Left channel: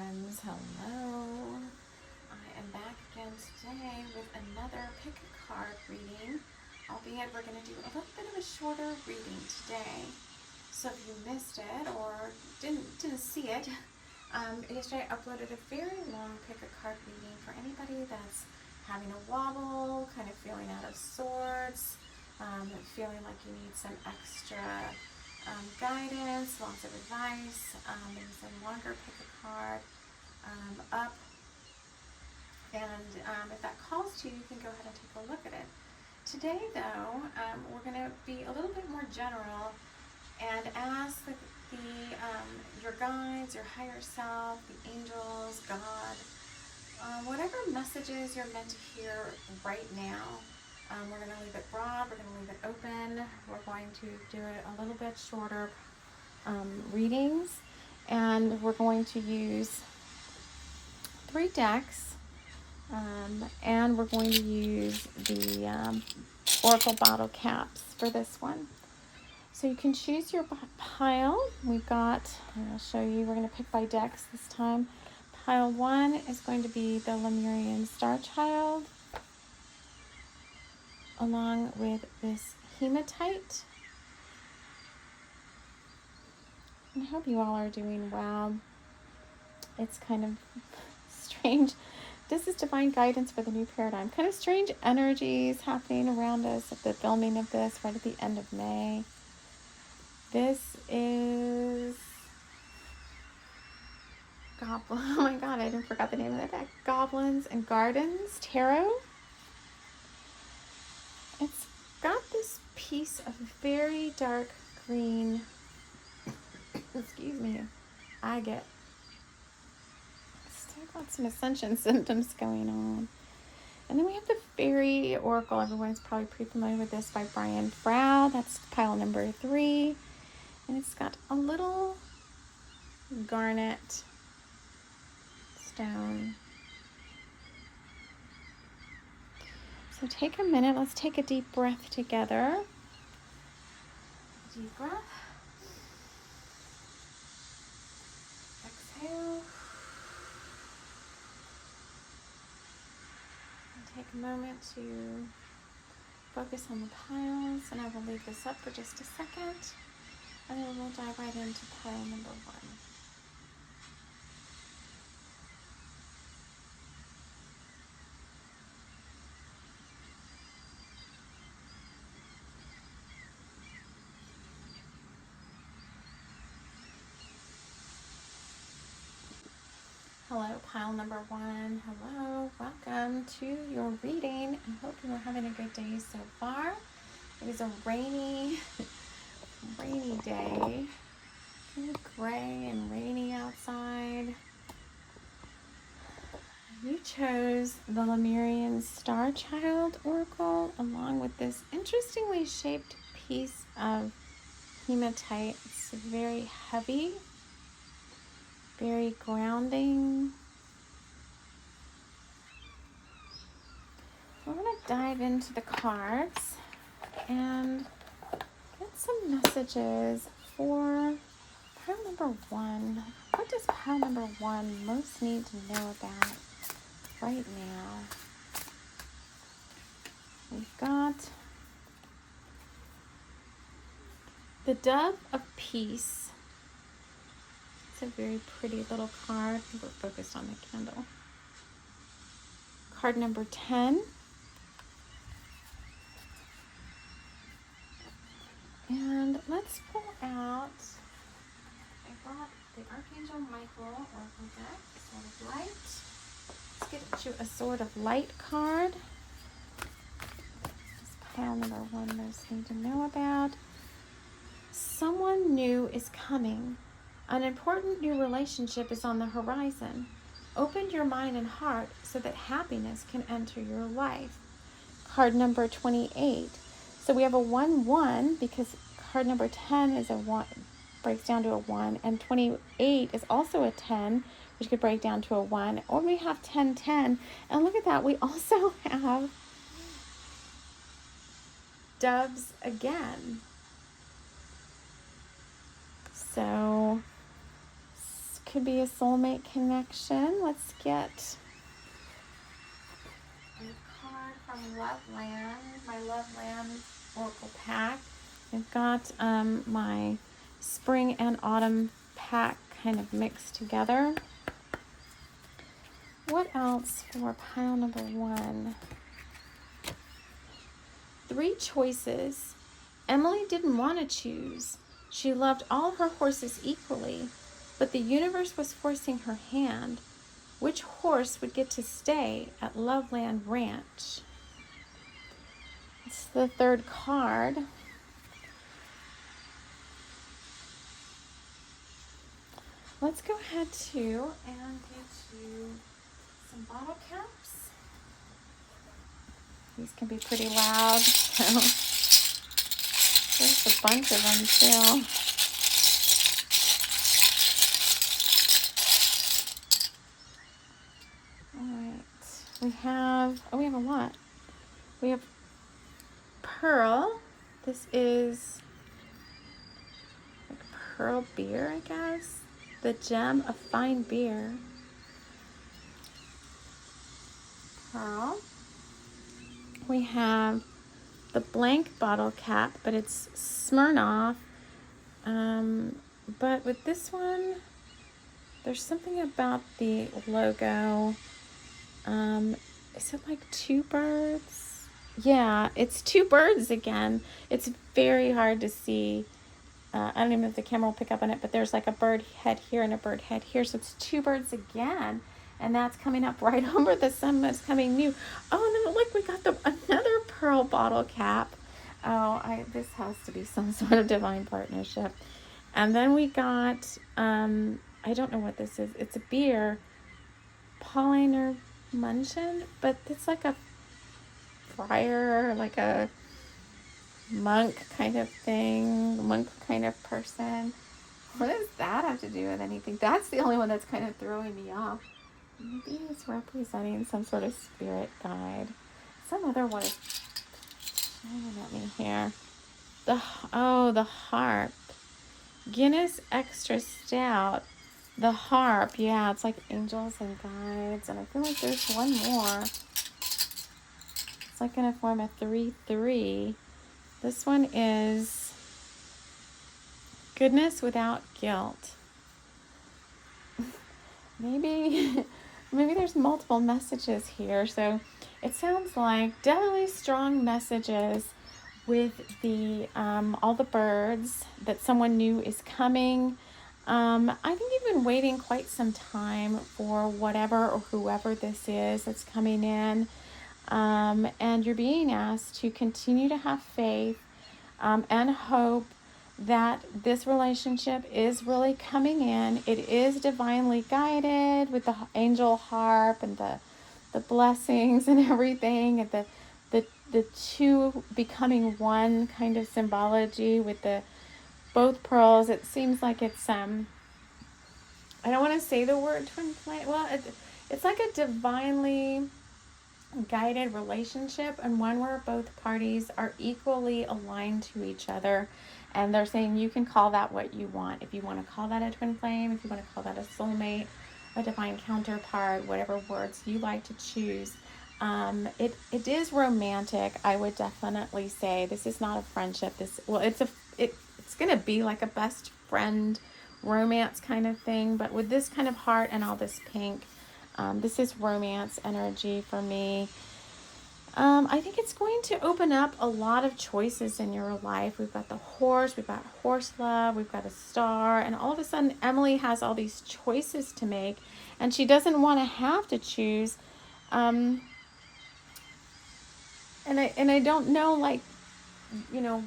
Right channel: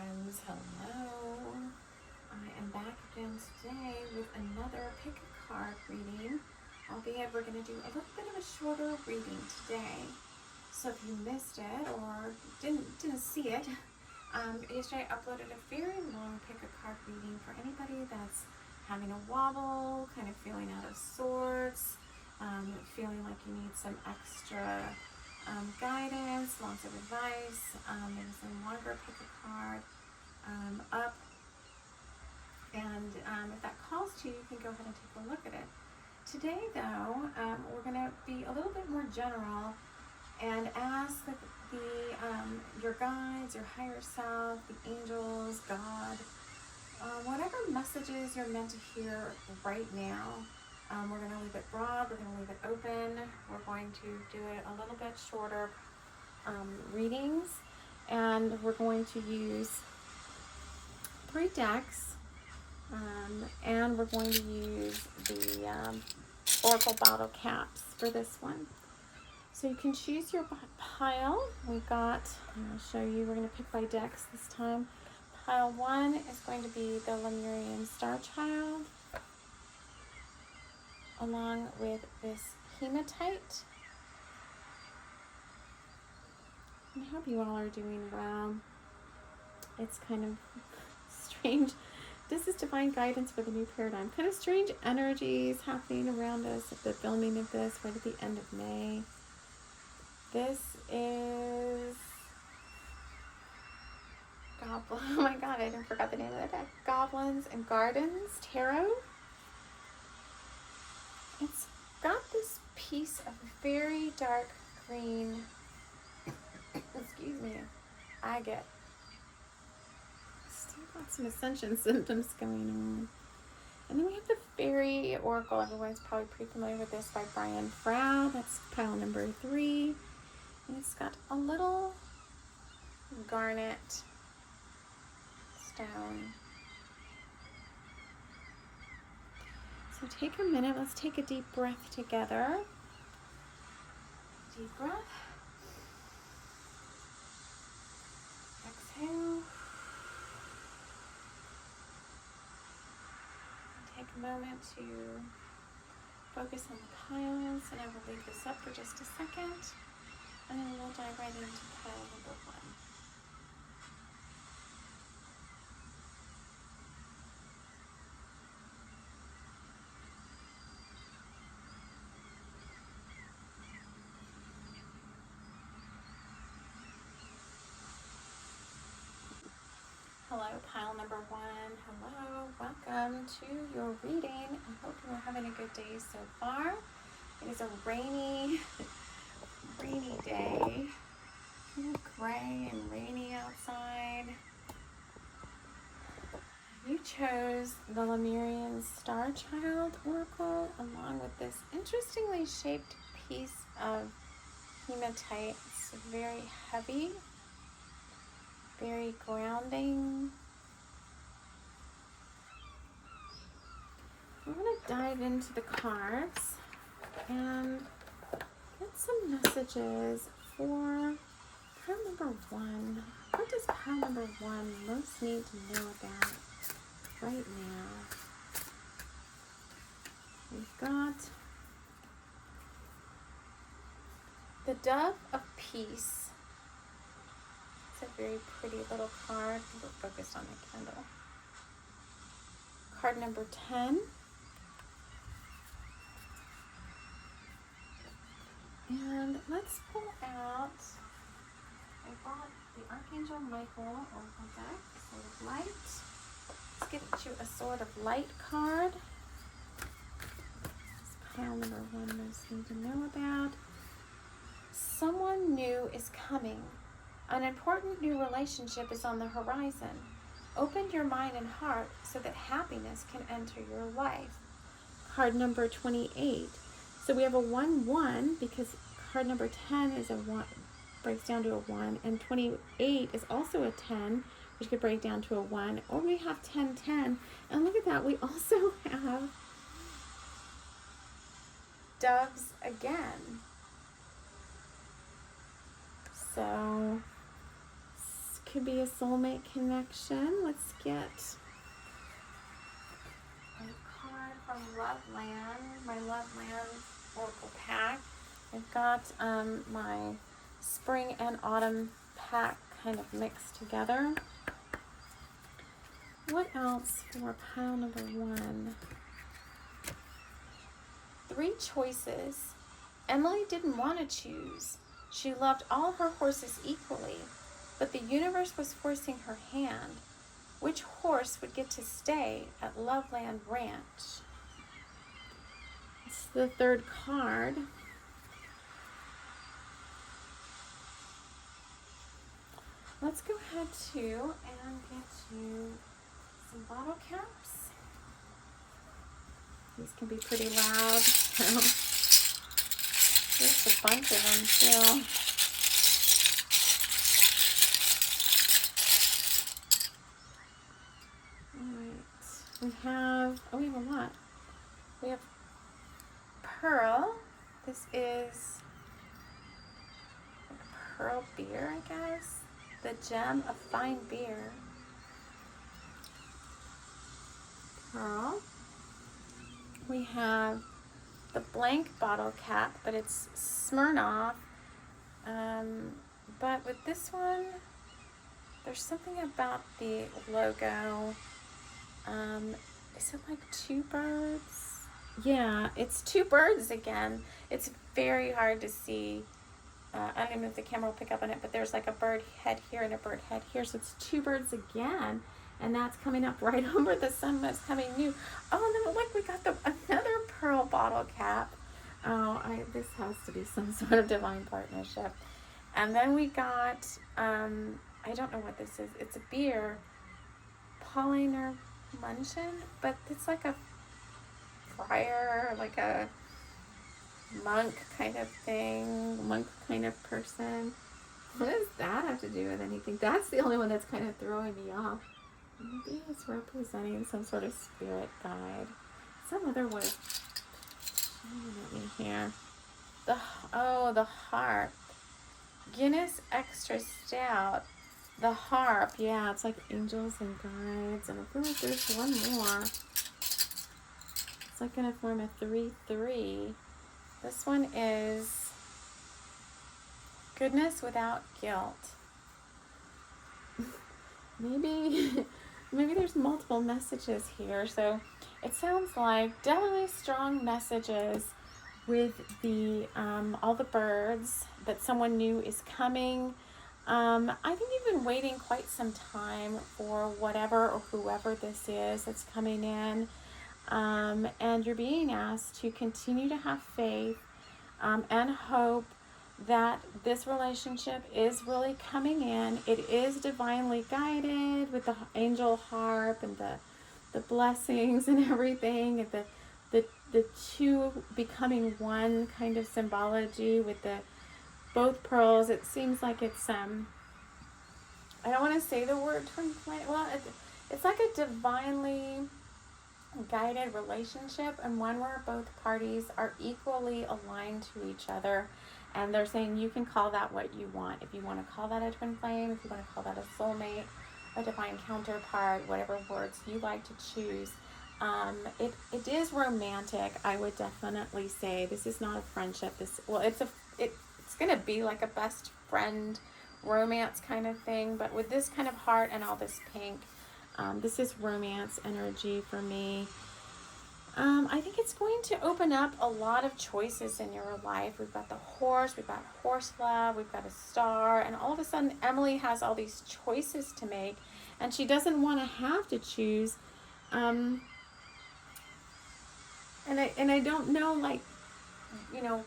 friends, hello. I am back again today with another pick a card reading, albeit we're going to do a little bit of a shorter reading today. So if you missed it or didn't see it, yesterday I uploaded a very long pick a card reading for anybody that's having a wobble, kind of feeling out of sorts, feeling like you need some extra guidance, lots of advice. There's a longer pick a card up, and if that calls to you, you can go ahead and take a look at it. Today though, we're going to be a little bit more general and ask your guides, your higher self, the angels, God, whatever messages you're meant to hear right now. We're going to leave it broad, we're going to leave it open, we're going to do it a little bit shorter readings, and we're going to use 3 decks, and we're going to use the Oracle bottle caps for this one. So you can choose your pile. We've got, I'll show you, we're going to pick by decks this time. Pile 1 is going to be the Lemurian Star Child, along with this hematite. I hope you all are doing well. It's kind of strange. This is divine guidance for the new paradigm. Kind of strange energies happening around us at the filming of this right at the end of May. This is Goblin. Oh my god, I forgot the name of that deck. Goblins and Gardens Tarot. It's got this piece of very dark green, excuse me, agate. Still got some ascension symptoms going on. And then we have the Fairy Oracle. Everyone's probably pretty familiar with this, by Brian Frow. That's pile number 3. And it's got a little garnet stone. So take a minute, let's take a deep breath together. Deep breath. Exhale. And take a moment to focus on the piles, and I will leave this up for just a second, and then we'll dive right into pile number 1. Hello, pile number 1. Hello, welcome to your reading. I hope you are having a good day so far. It is a rainy day. Kind of gray and rainy outside. You chose the Lemurian Star Child Oracle along with this interestingly shaped piece of hematite. It's very heavy, very grounding. We're going to dive into the cards and get some messages for pile number 1. What does pile number 1 most need to know about right now? We've got the Dove of Peace. It's a very pretty little card. We're focused on the candle. Card number 10. And let's pull out, I brought the Archangel Michael Oracle deck, Sword of Light. Let's get you a Sword of Light card. This pile number 1 most need to know about. Someone new is coming. An important new relationship is on the horizon. Open your mind and heart so that happiness can enter your life. Card number 28. So we have a 1-1 because card number 10 is a 1, breaks down to a 1, and 28 is also a 10, which could break down to a 1. Or we have 10-10, and look at that, we also have doves again. So could be a soulmate connection. Let's get a card from Loveland, my Loveland Oracle pack. We've got my spring and autumn pack kind of mixed together. What else for pile number 1? 3 choices. Emily didn't want to choose. She loved all her horses equally, but the universe was forcing her hand. Which horse would get to stay at Loveland Ranch? It's the 3rd card. Let's go ahead too and get you some bottle caps. These can be pretty loud. There's a bunch of them too. Alright. We have a lot. We have Pearl. This is like pearl beer, I guess. The gem of fine beer. Pearl. We have the blank bottle cap, but it's Smirnoff. But with this one, there's something about the logo. Is it like 2 birds? Yeah, it's 2 birds again. It's very hard to see. I don't even know if the camera will pick up on it, but there's like a bird head here and a bird head here. So it's 2 birds again. And that's coming up right over the sun that's coming new. Oh, no, look, we got another pearl bottle cap. Oh, this has to be some sort of divine partnership. And then we got, I don't know what this is. It's a beer, Pauliner Munchen, but it's like a friar, like a monk kind of thing, monk kind of person. What does that have to do with anything? That's the only one that's kind of throwing me off. Maybe it's representing some sort of spirit guide. Some other one is shining at me here. The harp. Guinness Extra Stout. The harp. Yeah, it's like angels and guides. And I feel like there's one more. It's like going to form a 3-3. This one is Goodness Without Guilt. Maybe there's multiple messages here. So it sounds like definitely strong messages with the all the birds that someone new is coming. I think you've been waiting quite some time for whatever or whoever this is that's coming in. And you're being asked to continue to have faith and hope that this relationship is really coming in. It is divinely guided with the angel harp and the blessings and everything, and the 2 becoming one kind of symbology with the both pearls. It seems like it's I don't want to say the word twin flame. Well, it's like a divinely guided relationship, and one where both parties are equally aligned to each other. And they're saying you can call that what you want. If you want to call that a twin flame, if you want to call that a soulmate, a divine counterpart, whatever words you like to choose. It is romantic. I would definitely say this is not a friendship. It's going to be like a best friend romance kind of thing. But with this kind of heart and all this pink, this is romance energy for me. I think it's going to open up a lot of choices in your life. We've got the horse, we've got horse love, we've got a star, and all of a sudden Emily has all these choices to make, and she doesn't want to have to choose. And I don't know, like, you know,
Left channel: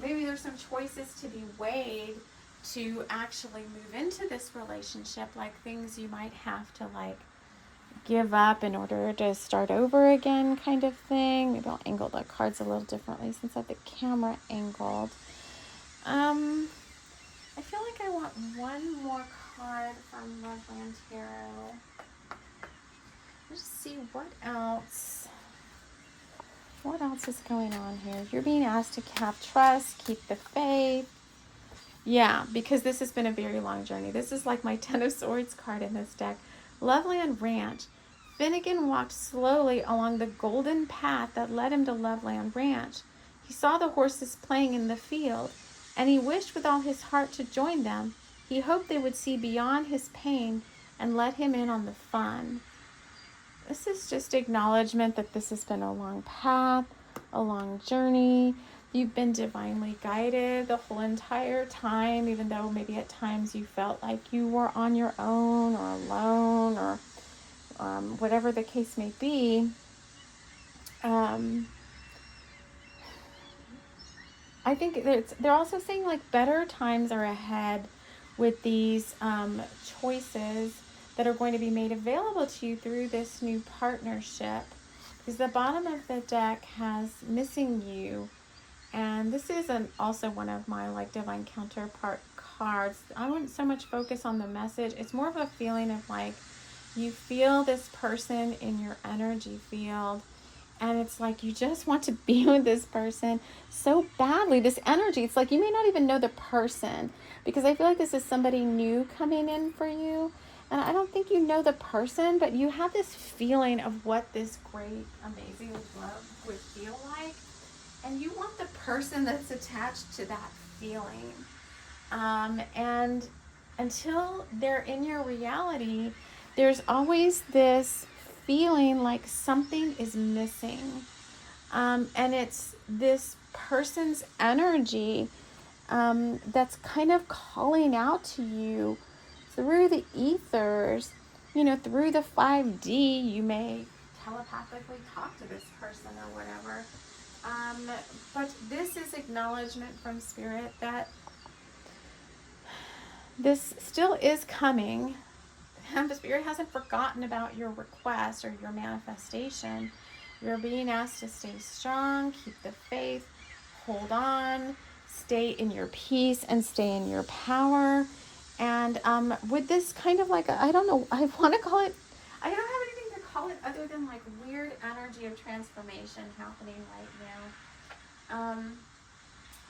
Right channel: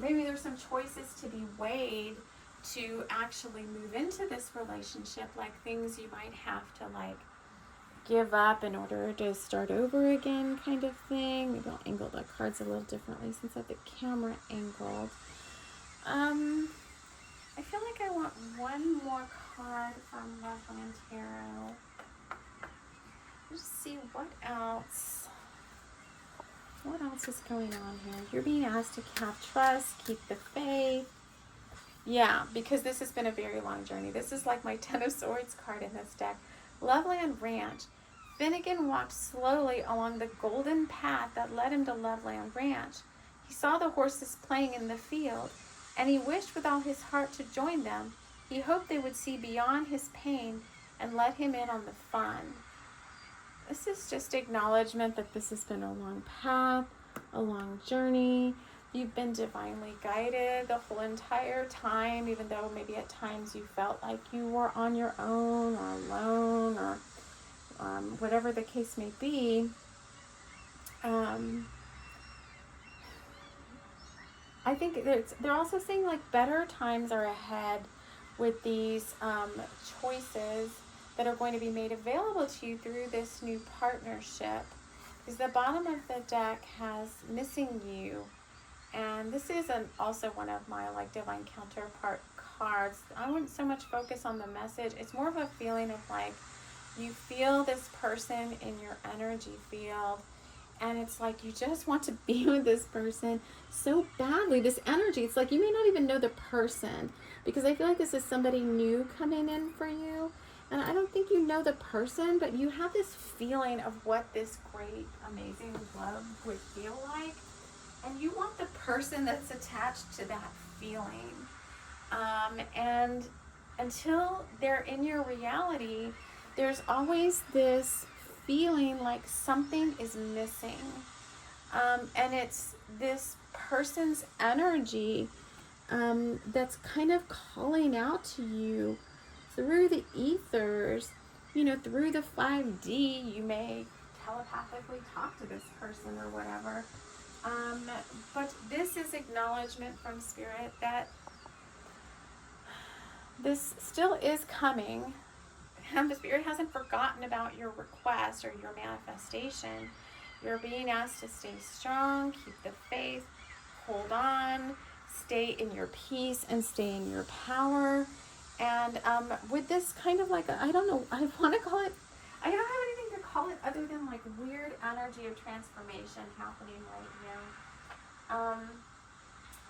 maybe there's some choices to be weighed to actually move into this relationship, like things you might have to like give up in order to start over again kind of thing. Maybe I'll angle the cards a little differently since I have the camera angled. I feel like I want one more card from Loveland Tarot. Let's see what else. What else is going on here? You're being asked to have trust, keep the faith. Yeah, because this has been a very long journey. This is like my Ten of Swords card in this deck. Loveland Ranch. Finnegan walked slowly along the golden path that led him to Loveland Ranch. He saw the horses playing in the field, and he wished with all his heart to join them. He hoped they would see beyond his pain and let him in on the fun. This is just acknowledgement that this has been a long path, a long journey. You've been divinely guided the whole entire time, even though maybe at times you felt like you were on your own or alone, or whatever the case may be. I think they're also saying like better times are ahead with these choices that are going to be made available to you through this new partnership. Because the bottom of the deck has missing you. And this is also one of my like divine counterpart cards. I don't so much focus on the message. It's more of a feeling of like you feel this person in your energy field, and it's like you just want to be with this person so badly. This energy, it's like you may not even know the person, because I feel like this is somebody new coming in for you. And I don't think you know the person, but you have this feeling of what this great, amazing love would feel like. And you want the person that's attached to that feeling. And until they're in your reality, there's always this feeling like something is missing. And it's this person's energy that's kind of calling out to you through the ethers, through the 5D. You may telepathically talk to this person or whatever. But this is acknowledgement from Spirit that this still is coming. The Spirit hasn't forgotten about your request or your manifestation. You're being asked to stay strong, keep the faith, hold on, stay in your peace, and stay in your power. And with this kind of like, I don't know, I want to call it, I don't have anything to call it other than like weird energy of transformation happening right now.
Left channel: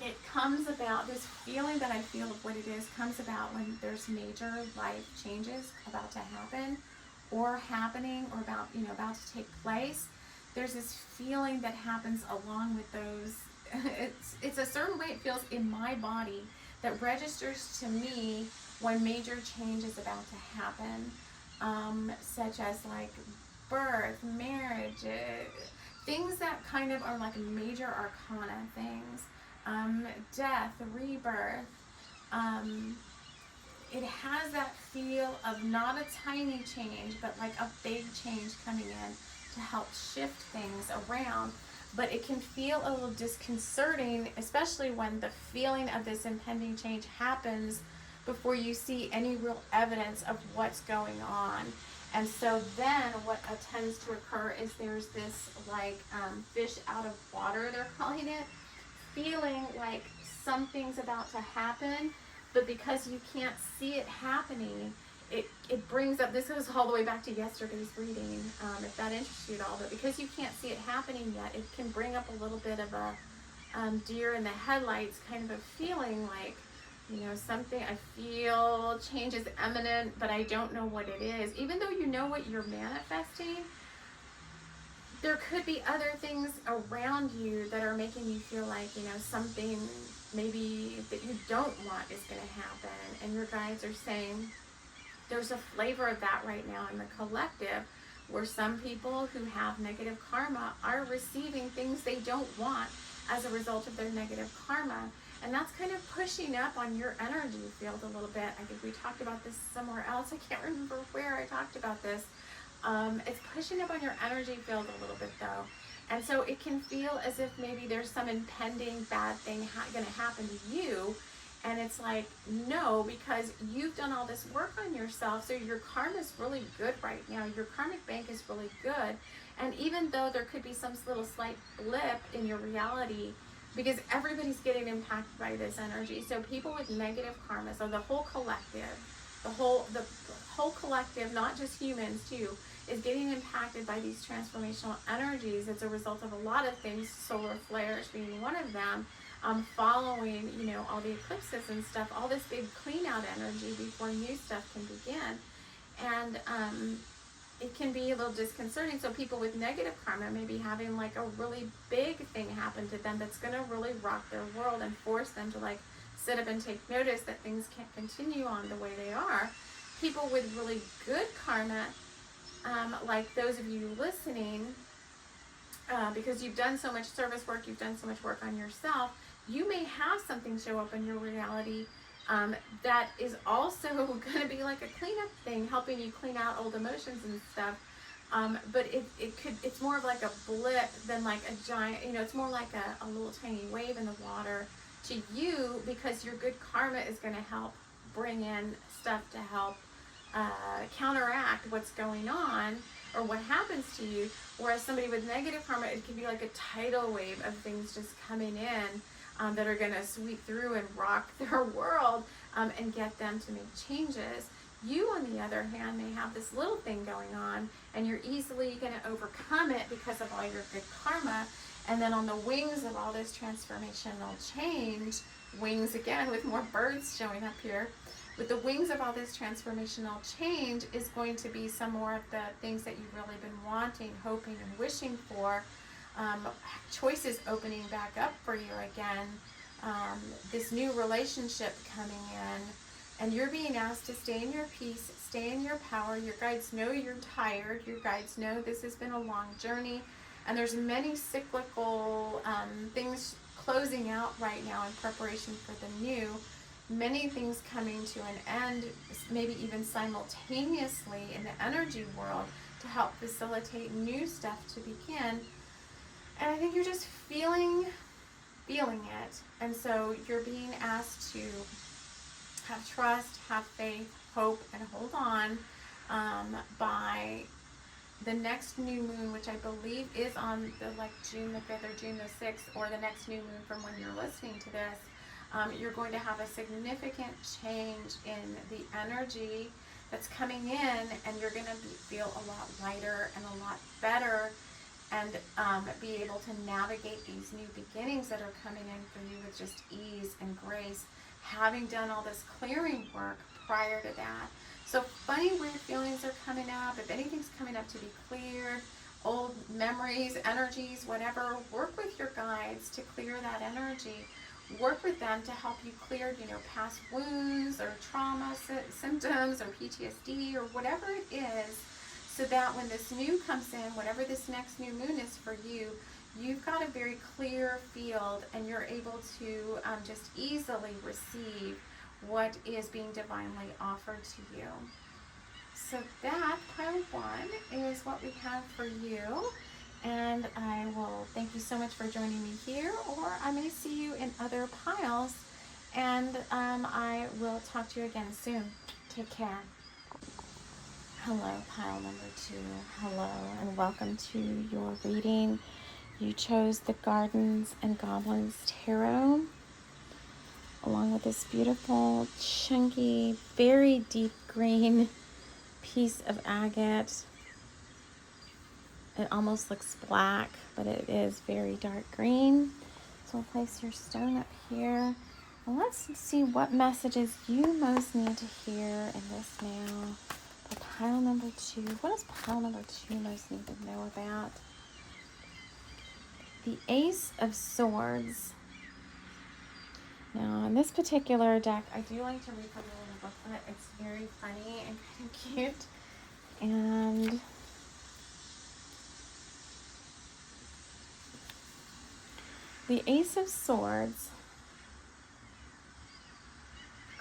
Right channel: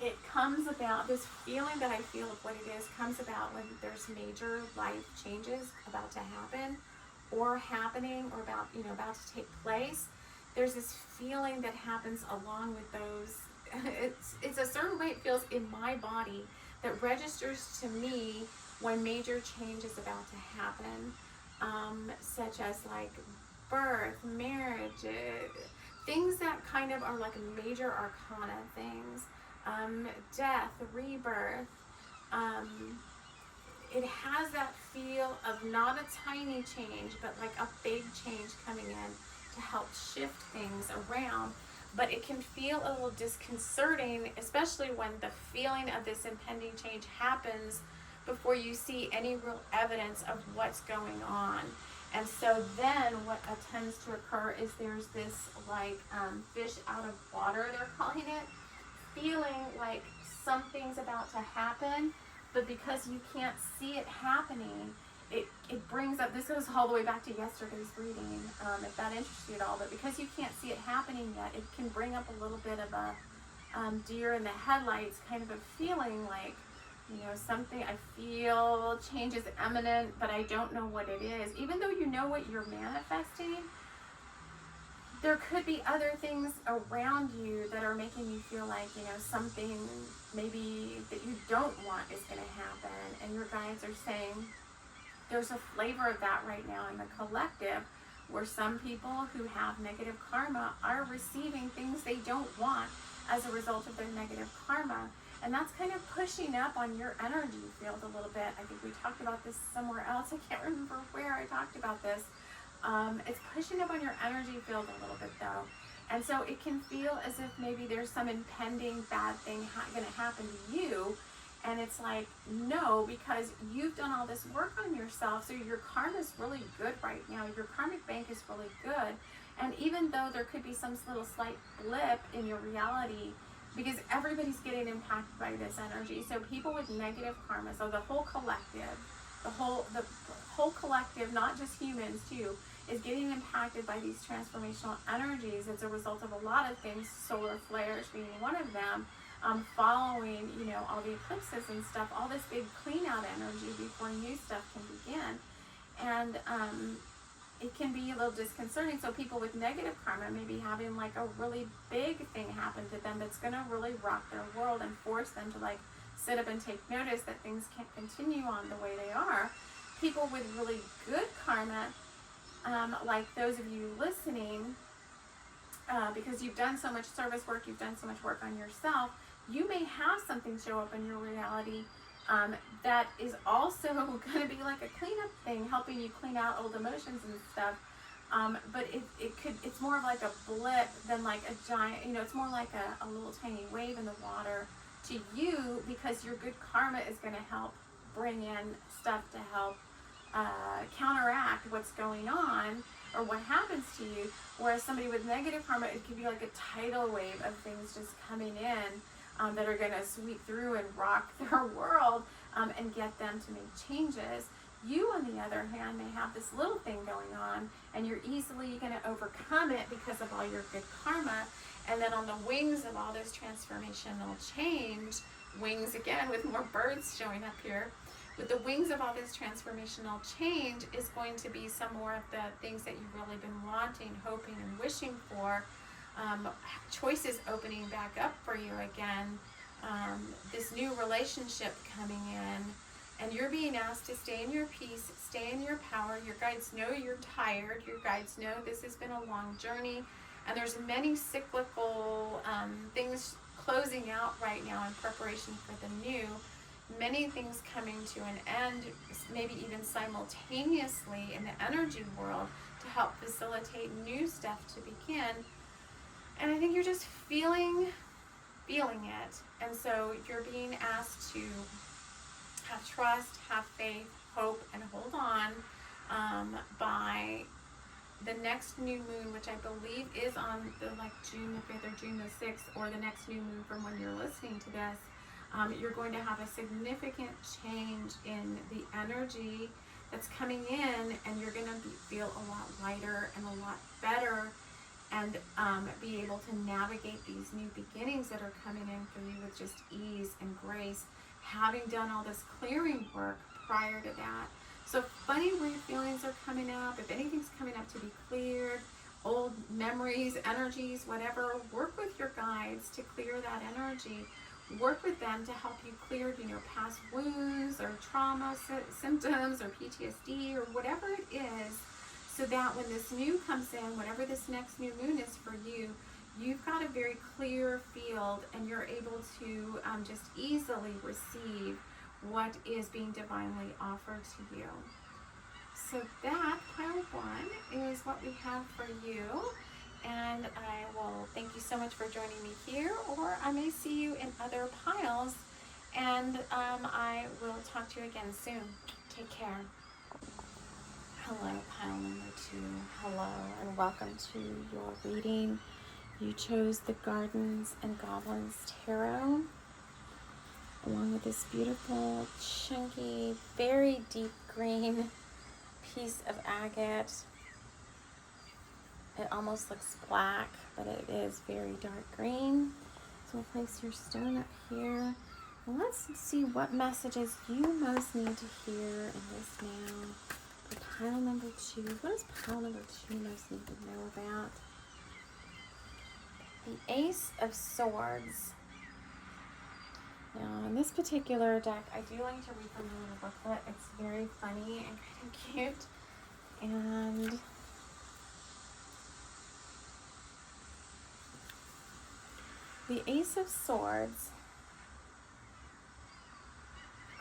It comes about, this feeling that I feel of what it is comes about when there's major life changes about to happen or happening or about to take place. There's this feeling that happens along with those. It's a certain way it feels in my body that registers to me when major change is about to happen, such as like birth, marriage, things that kind of are like major arcana things, death, rebirth. It has that feel of not a tiny change, but like a big change coming in to help shift things around. But it can feel a little disconcerting, especially when the feeling of this impending change happens before you see any real evidence of what's going on. And so then what tends to occur is there's this like fish out of water, they're calling it, feeling like something's about to happen, but because you can't see it happening, it brings up, this goes all the way back to yesterday's reading, if that interests you at all, but because you can't see it happening yet, it can bring up a little bit of a deer in the headlights kind of a feeling like, something, I feel change is imminent, but I don't know what it is. Even though you know what you're manifesting, there could be other things around you that are making you feel like, something maybe that you don't want is going to happen. And your guides are saying there's a flavor of that right now in the collective, where some people who have negative karma are receiving things they don't want as a result of their negative karma. And that's kind of pushing up on your energy field a little bit. I think we talked about this somewhere else. I can't remember where I talked about this. It's pushing up on your energy field a little bit though. And so it can feel as if maybe there's some impending bad thing going to happen to you. And it's like, no, because you've done all this work on yourself. So your karma is really good right now. Your karmic bank is really good. And even though there could be some little slight blip in your reality, because everybody's getting impacted by this energy. So people with negative karma, so the whole collective, the whole collective, not just humans too, is getting impacted by these transformational energies as a result of a lot of things, solar flares being one of them, following, you know, all the eclipses and stuff, all this big clean out energy before new stuff can begin. And it can be a little disconcerting. So people with negative karma may be having like a really big thing happen to them that's going to really rock their world and force them to like sit up and take notice that things can't continue on the way they are. People with really good karma, like those of you listening, because you've done so much service work, you've done so much work on yourself, you may have something show up in your reality that is also going to be like a cleanup thing, helping you clean out old emotions and stuff. But it's more of like a blip than like a giant, you know, it's more like a little tiny wave in the water to you, because your good karma is going to help bring in stuff to help counteract what's going on or what happens to you. Whereas somebody with negative karma, it could be like a tidal wave of things just coming in that are going to sweep through and rock their world and get them to make changes. You, on the other hand, may have this little thing going on, and you're easily going to overcome it because of all your good karma. And then on the wings of all this transformational change, wings again with more birds showing up here, with the wings of all this transformational change is going to be some more of the things that you've really been wanting, hoping, and wishing for. Choices opening back up for you again, this new relationship coming in, and you're being asked to stay in your peace, stay in your power. Your guides know you're tired. Your guides know this has been a long journey, and there's many cyclical things closing out right now in preparation for the new. Many things coming to an end, maybe even simultaneously in the energy world, to help facilitate new stuff to begin. And I think you're just feeling it. And so you're being asked to have trust, have faith, hope, and hold on by the next new moon, which I believe is on the June the 5th or June the 6th, or the next new moon from when you're listening to this. You're going to have a significant change in the energy that's coming in, and you're going to feel a lot lighter and a lot better, and be able to navigate these new beginnings that are coming in for you with just ease and grace, having done all this clearing work prior to that. So funny, weird feelings are coming up. If anything's coming up to be cleared, old memories, energies, whatever, work with your guides to clear that energy. Work with them to help you clear, you know, past wounds or trauma symptoms or PTSD or whatever it is, so that when this new comes in, whatever this next new moon is for you, you've got a very clear field, and you're able to just easily receive what is being divinely offered to you. So that, pile 1, is what we have for you. And I will thank you so much for joining me here, or I may see you in other piles, and I will talk to you again soon. Take care. Hello, pile number 2. Hello, and welcome to your reading. You chose the Gardens and Goblins Tarot, along with this beautiful, chunky, very deep green piece of agate. It almost looks black, but it is very dark green. So we'll place your stone up here. And let's see what messages you most need to hear in this now. For pile number 2. What does pile number 2 most need to know about? The Ace of Swords. Now, in this particular deck, I do like to read from the little booklet. It's very funny and kind of cute. And the Ace of Swords,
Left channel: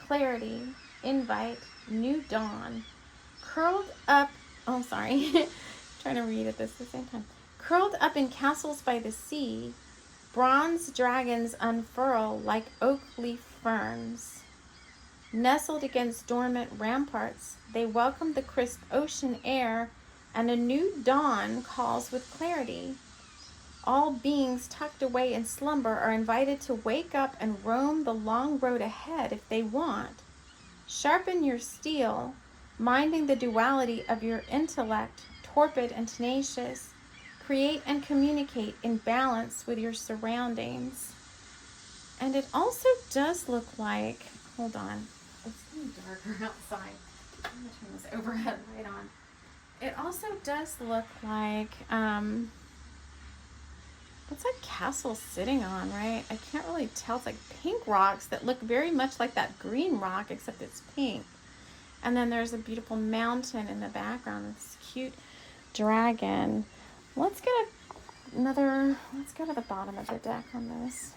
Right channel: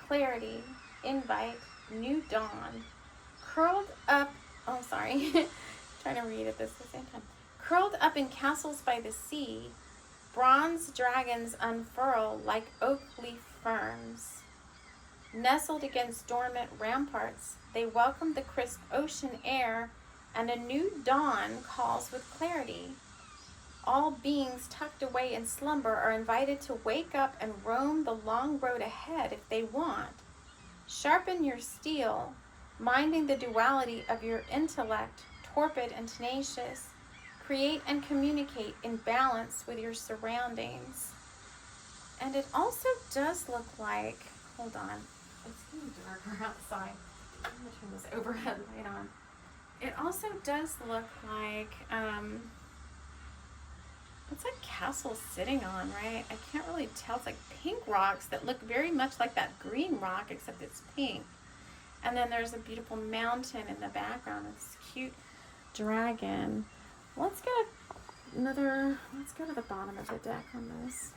clarity, invite, new dawn, curled up, oh sorry, trying to read it this the same time. Curled up in castles by the sea, bronze dragons unfurl like oak leaf ferns. Nestled against dormant ramparts, they welcome the crisp ocean air, and a new dawn calls with clarity. All beings tucked away in slumber are invited to wake up and roam the long road ahead if they want. Sharpen your steel, minding the duality of your intellect, torpid and tenacious. Create and communicate in balance with your surroundings. And it also does look like, hold on, it's getting darker outside. I'm going to turn this overhead light on. It also does look like, what's that castle sitting on, right? I can't really tell. It's like pink rocks that look very much like that green rock, except it's pink. And then there's a beautiful mountain in the background. This cute dragon. Let's get let's go to the bottom of the deck on this.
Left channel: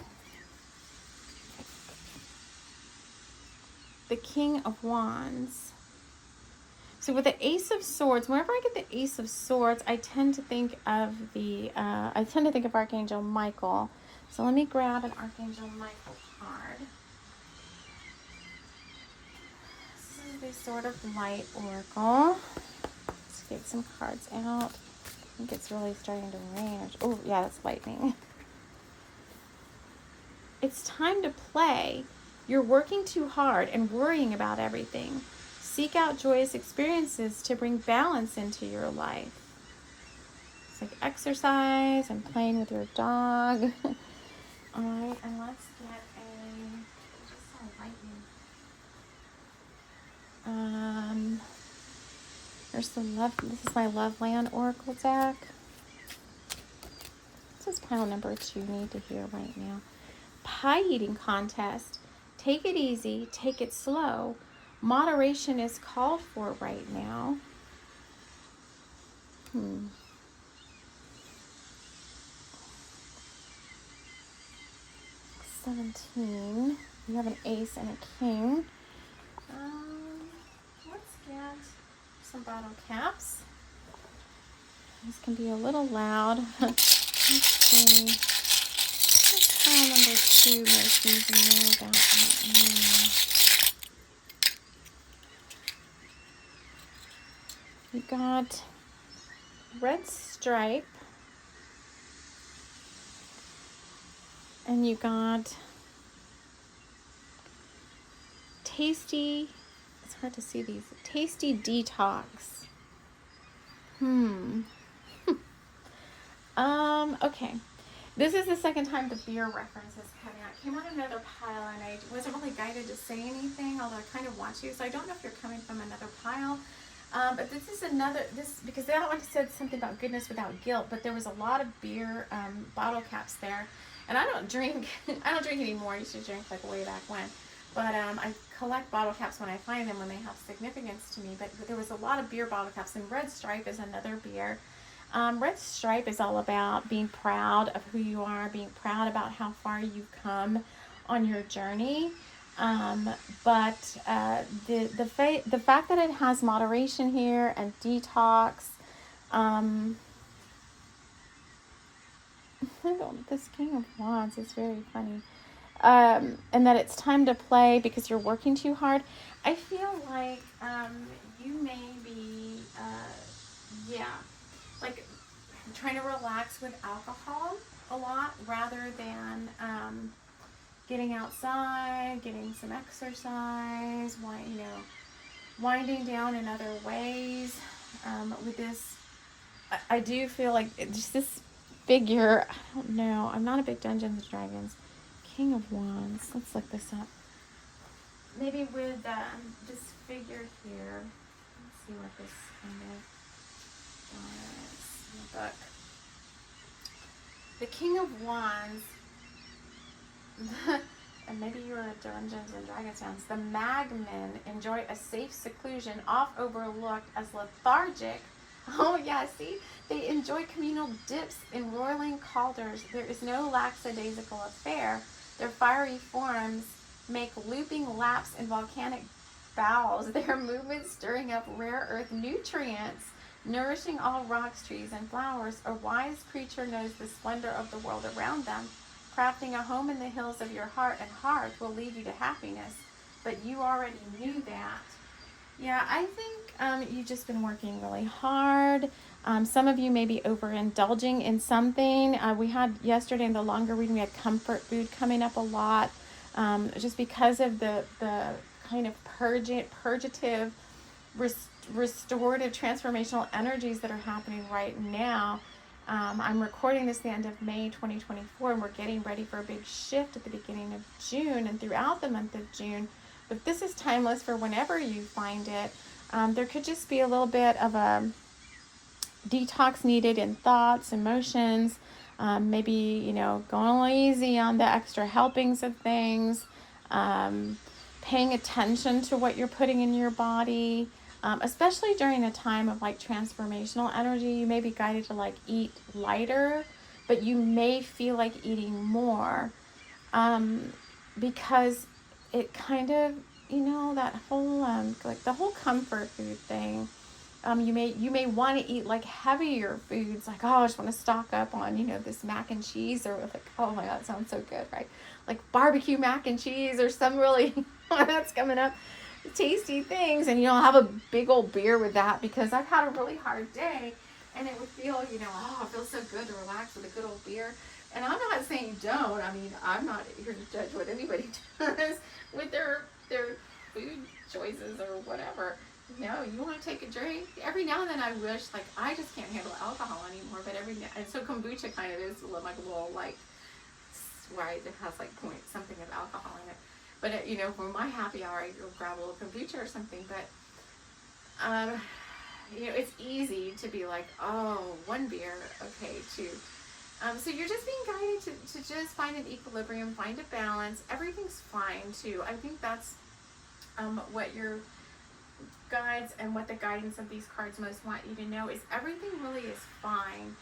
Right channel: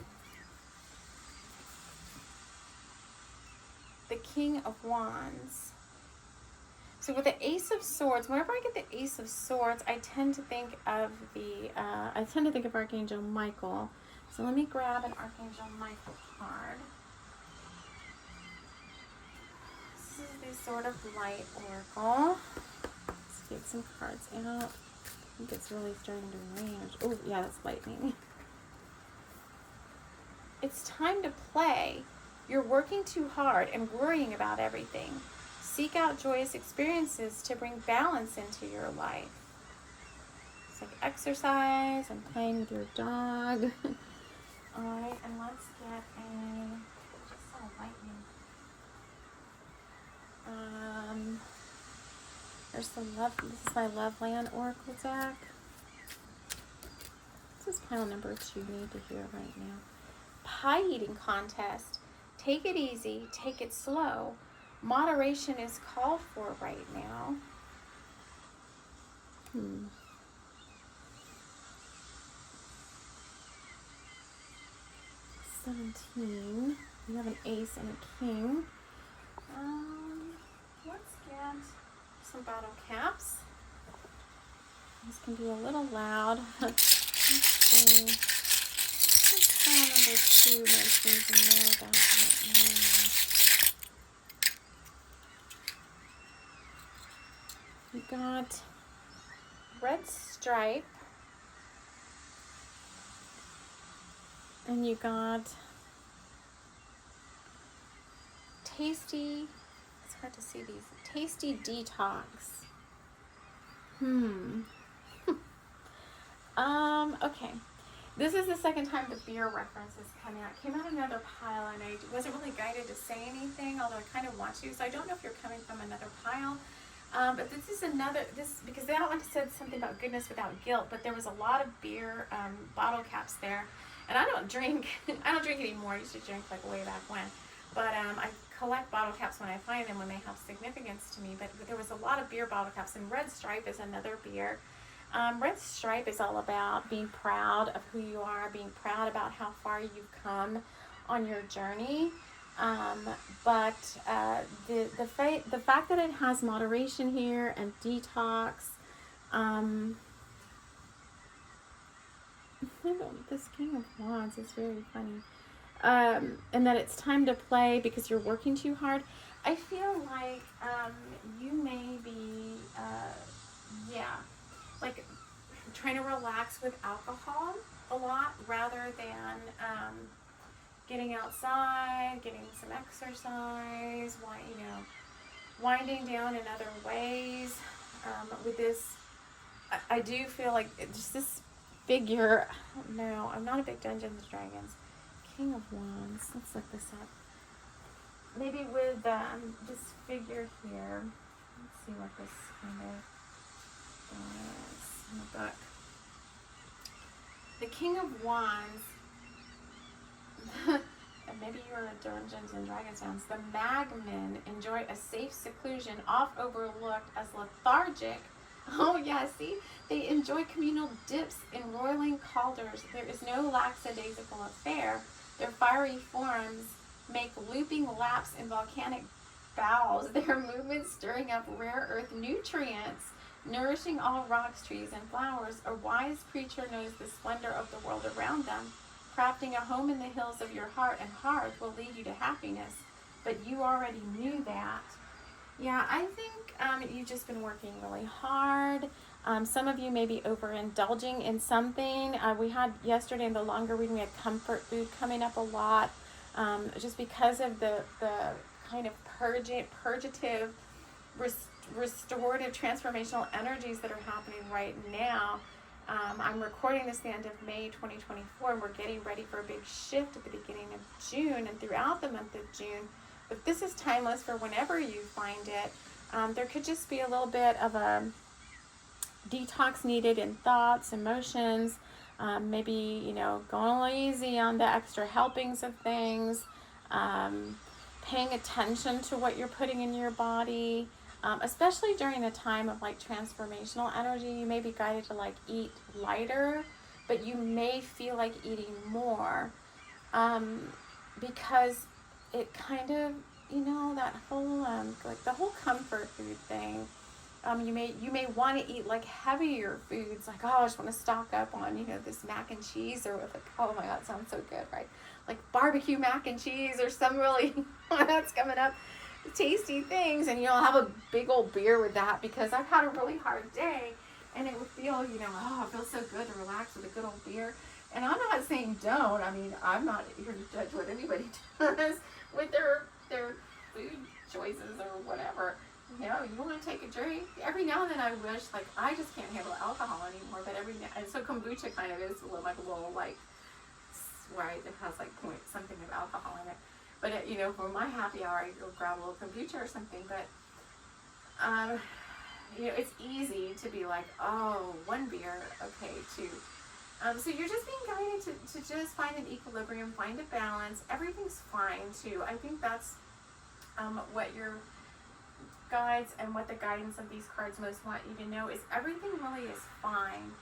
The King of Wands. So with the Ace of Swords, whenever I get the Ace of Swords, I tend to think of Archangel Michael. So let me grab an Archangel Michael card. This is the Sword of Light Oracle. Let's get some cards out. I think it's really starting to rain. Oh yeah, that's lightning. It's time to play. You're working too hard and worrying about everything. Seek out joyous experiences to bring balance into your life. It's like exercise and playing with your dog. Alright, and let's get just saw lightning. This is my Loveland Oracle deck. This is pile number 2, need to hear right now. Pie eating contest. Take it easy, take it slow. Moderation is called for right now. 17. You have an ace and a king. Let's get some battle caps. This can be a little loud. Let's see. Let's try number 2 most things you know about that. You got red stripe, and you got tasty, it's hard to see these, tasty detox. Okay. This is the second time the beer reference is coming out. It came out another pile, and I wasn't really guided to say anything, although I kind of want to, so I don't know if you're coming from another pile. But this is because that one said something about goodness without guilt, but there was a lot of beer bottle caps there. And I don't drink anymore. I used to drink like way back when. But I collect bottle caps when I find them, when they have significance to me. But there was a lot of beer bottle caps, and Red Stripe is another beer. Red Stripe is all about being proud of who you are, being proud about how far you've come on your journey. But the fact that it has moderation here and detox, this King of Wands is very funny, and that it's time to play because you're working too hard. I feel like you may be, like trying to relax with alcohol a lot rather than getting outside, getting some exercise, winding down in other ways. With this, I do feel like just this figure, I don't know, I'm not a big Dungeons & Dragons. King of Wands, let's look this up. Maybe with this figure here, let's see what this kind of does in the book. The King of Wands, and maybe you are a Dungeons & Dragons fans, the Magmen enjoy a safe seclusion, oft overlooked as lethargic. Oh yeah, see? They enjoy communal dips in roiling caulders. There is no lackadaisical affair. Their fiery forms make looping laps in volcanic bowels, their movements stirring up rare earth nutrients, nourishing all rocks, trees, and flowers. A wise creature knows the splendor of the world around them. Crafting a home in the hills of your heart and hearth will lead you to happiness, but you already knew that. Yeah, I think you've just been working really hard. Some of you may be overindulging in something. We had yesterday in the longer reading, we had comfort food coming up a lot, just because of the kind of purgative, restorative, transformational energies that are happening right now. I'm recording this the end of May 2024, and we're getting ready for a big shift at the beginning of June and throughout the month of June. But this is timeless for whenever you find it. There could just be a little bit of a detox needed in thoughts, emotions, maybe, you know, going lazy on the extra helpings of things, paying attention to what you're putting in your body. Especially during a time of like transformational energy, you may be guided to like eat lighter, but you may feel like eating more, because it kind of, you know, that whole like the whole comfort food thing. You may want to eat like heavier foods, like, oh, I just want to stock up on, you know, this mac and cheese, or with like, oh my god, it sounds so good, right? Like barbecue mac and cheese, or some really that's coming up, tasty things, and, you know, I'll have a big old beer with that because I've had a really hard day, and it would feel, you know, oh, it feels so good to relax with a good old beer. And I'm not saying you don't. I mean, I'm not here to judge what anybody does with their food choices or whatever. You know, you want to take a drink. Every now and then I wish, like, I just can't handle alcohol anymore, but and so kombucha kind of is like a little, like, right, it has like point something of alcohol in it. But, you know, for my happy hour, you'll grab a little kombucha or something. But, you know, it's easy to be like, oh, one beer, okay, two. So you're just being guided to just find an equilibrium, find a balance. Everything's fine, too. I think that's what your guides and what the guidance of these cards most want you to know is everything really is fine.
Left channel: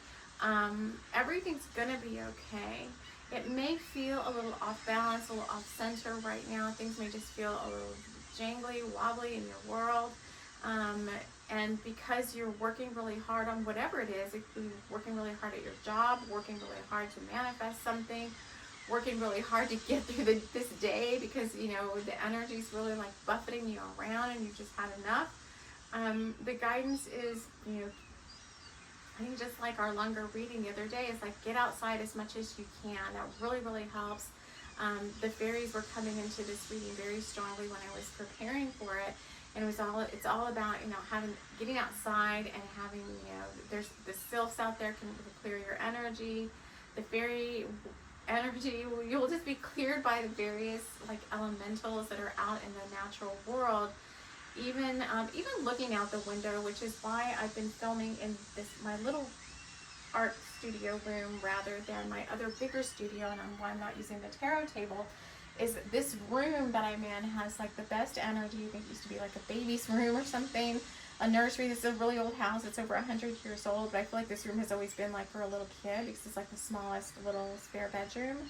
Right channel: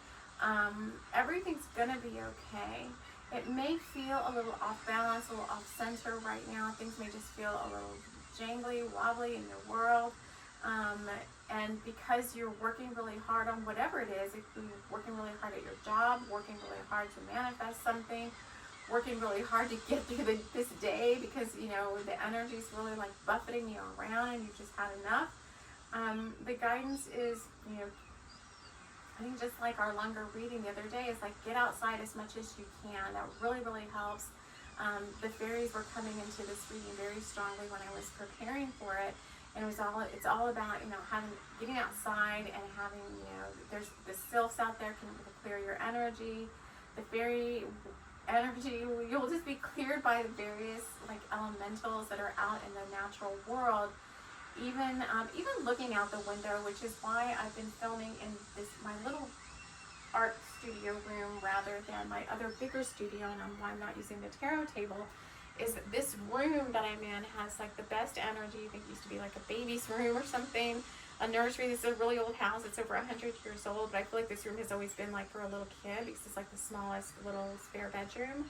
Everything's going to be okay. It may feel a little off balance, a little off center right now. Things may just feel a little jangly, wobbly in your world. And because you're working really hard on whatever it is, it could be working really hard at your job, working really hard to manifest something, working really hard to get through this day because, you know, the energy's really like buffeting you around and you've just had enough. The guidance is, you know, I think just like our longer reading the other day, is like get outside as much as you can. That really, really helps. The fairies were coming into this reading very strongly when I was preparing for it, and it's all about, you know, getting outside and having, you know, there's the sylphs out there can clear your energy. The fairy energy, you'll just be cleared by the various like elementals that are out in the natural world. Even looking out the window, which is why I've been filming in my little art studio room rather than my other bigger studio, and why I'm not using the tarot table, is this room that I'm in has like the best energy. I think it used to be like a baby's room or something, a nursery. This is a really old house. It's over 100 years old, but I feel like this room has always been like for a little kid because it's like the smallest little spare bedroom.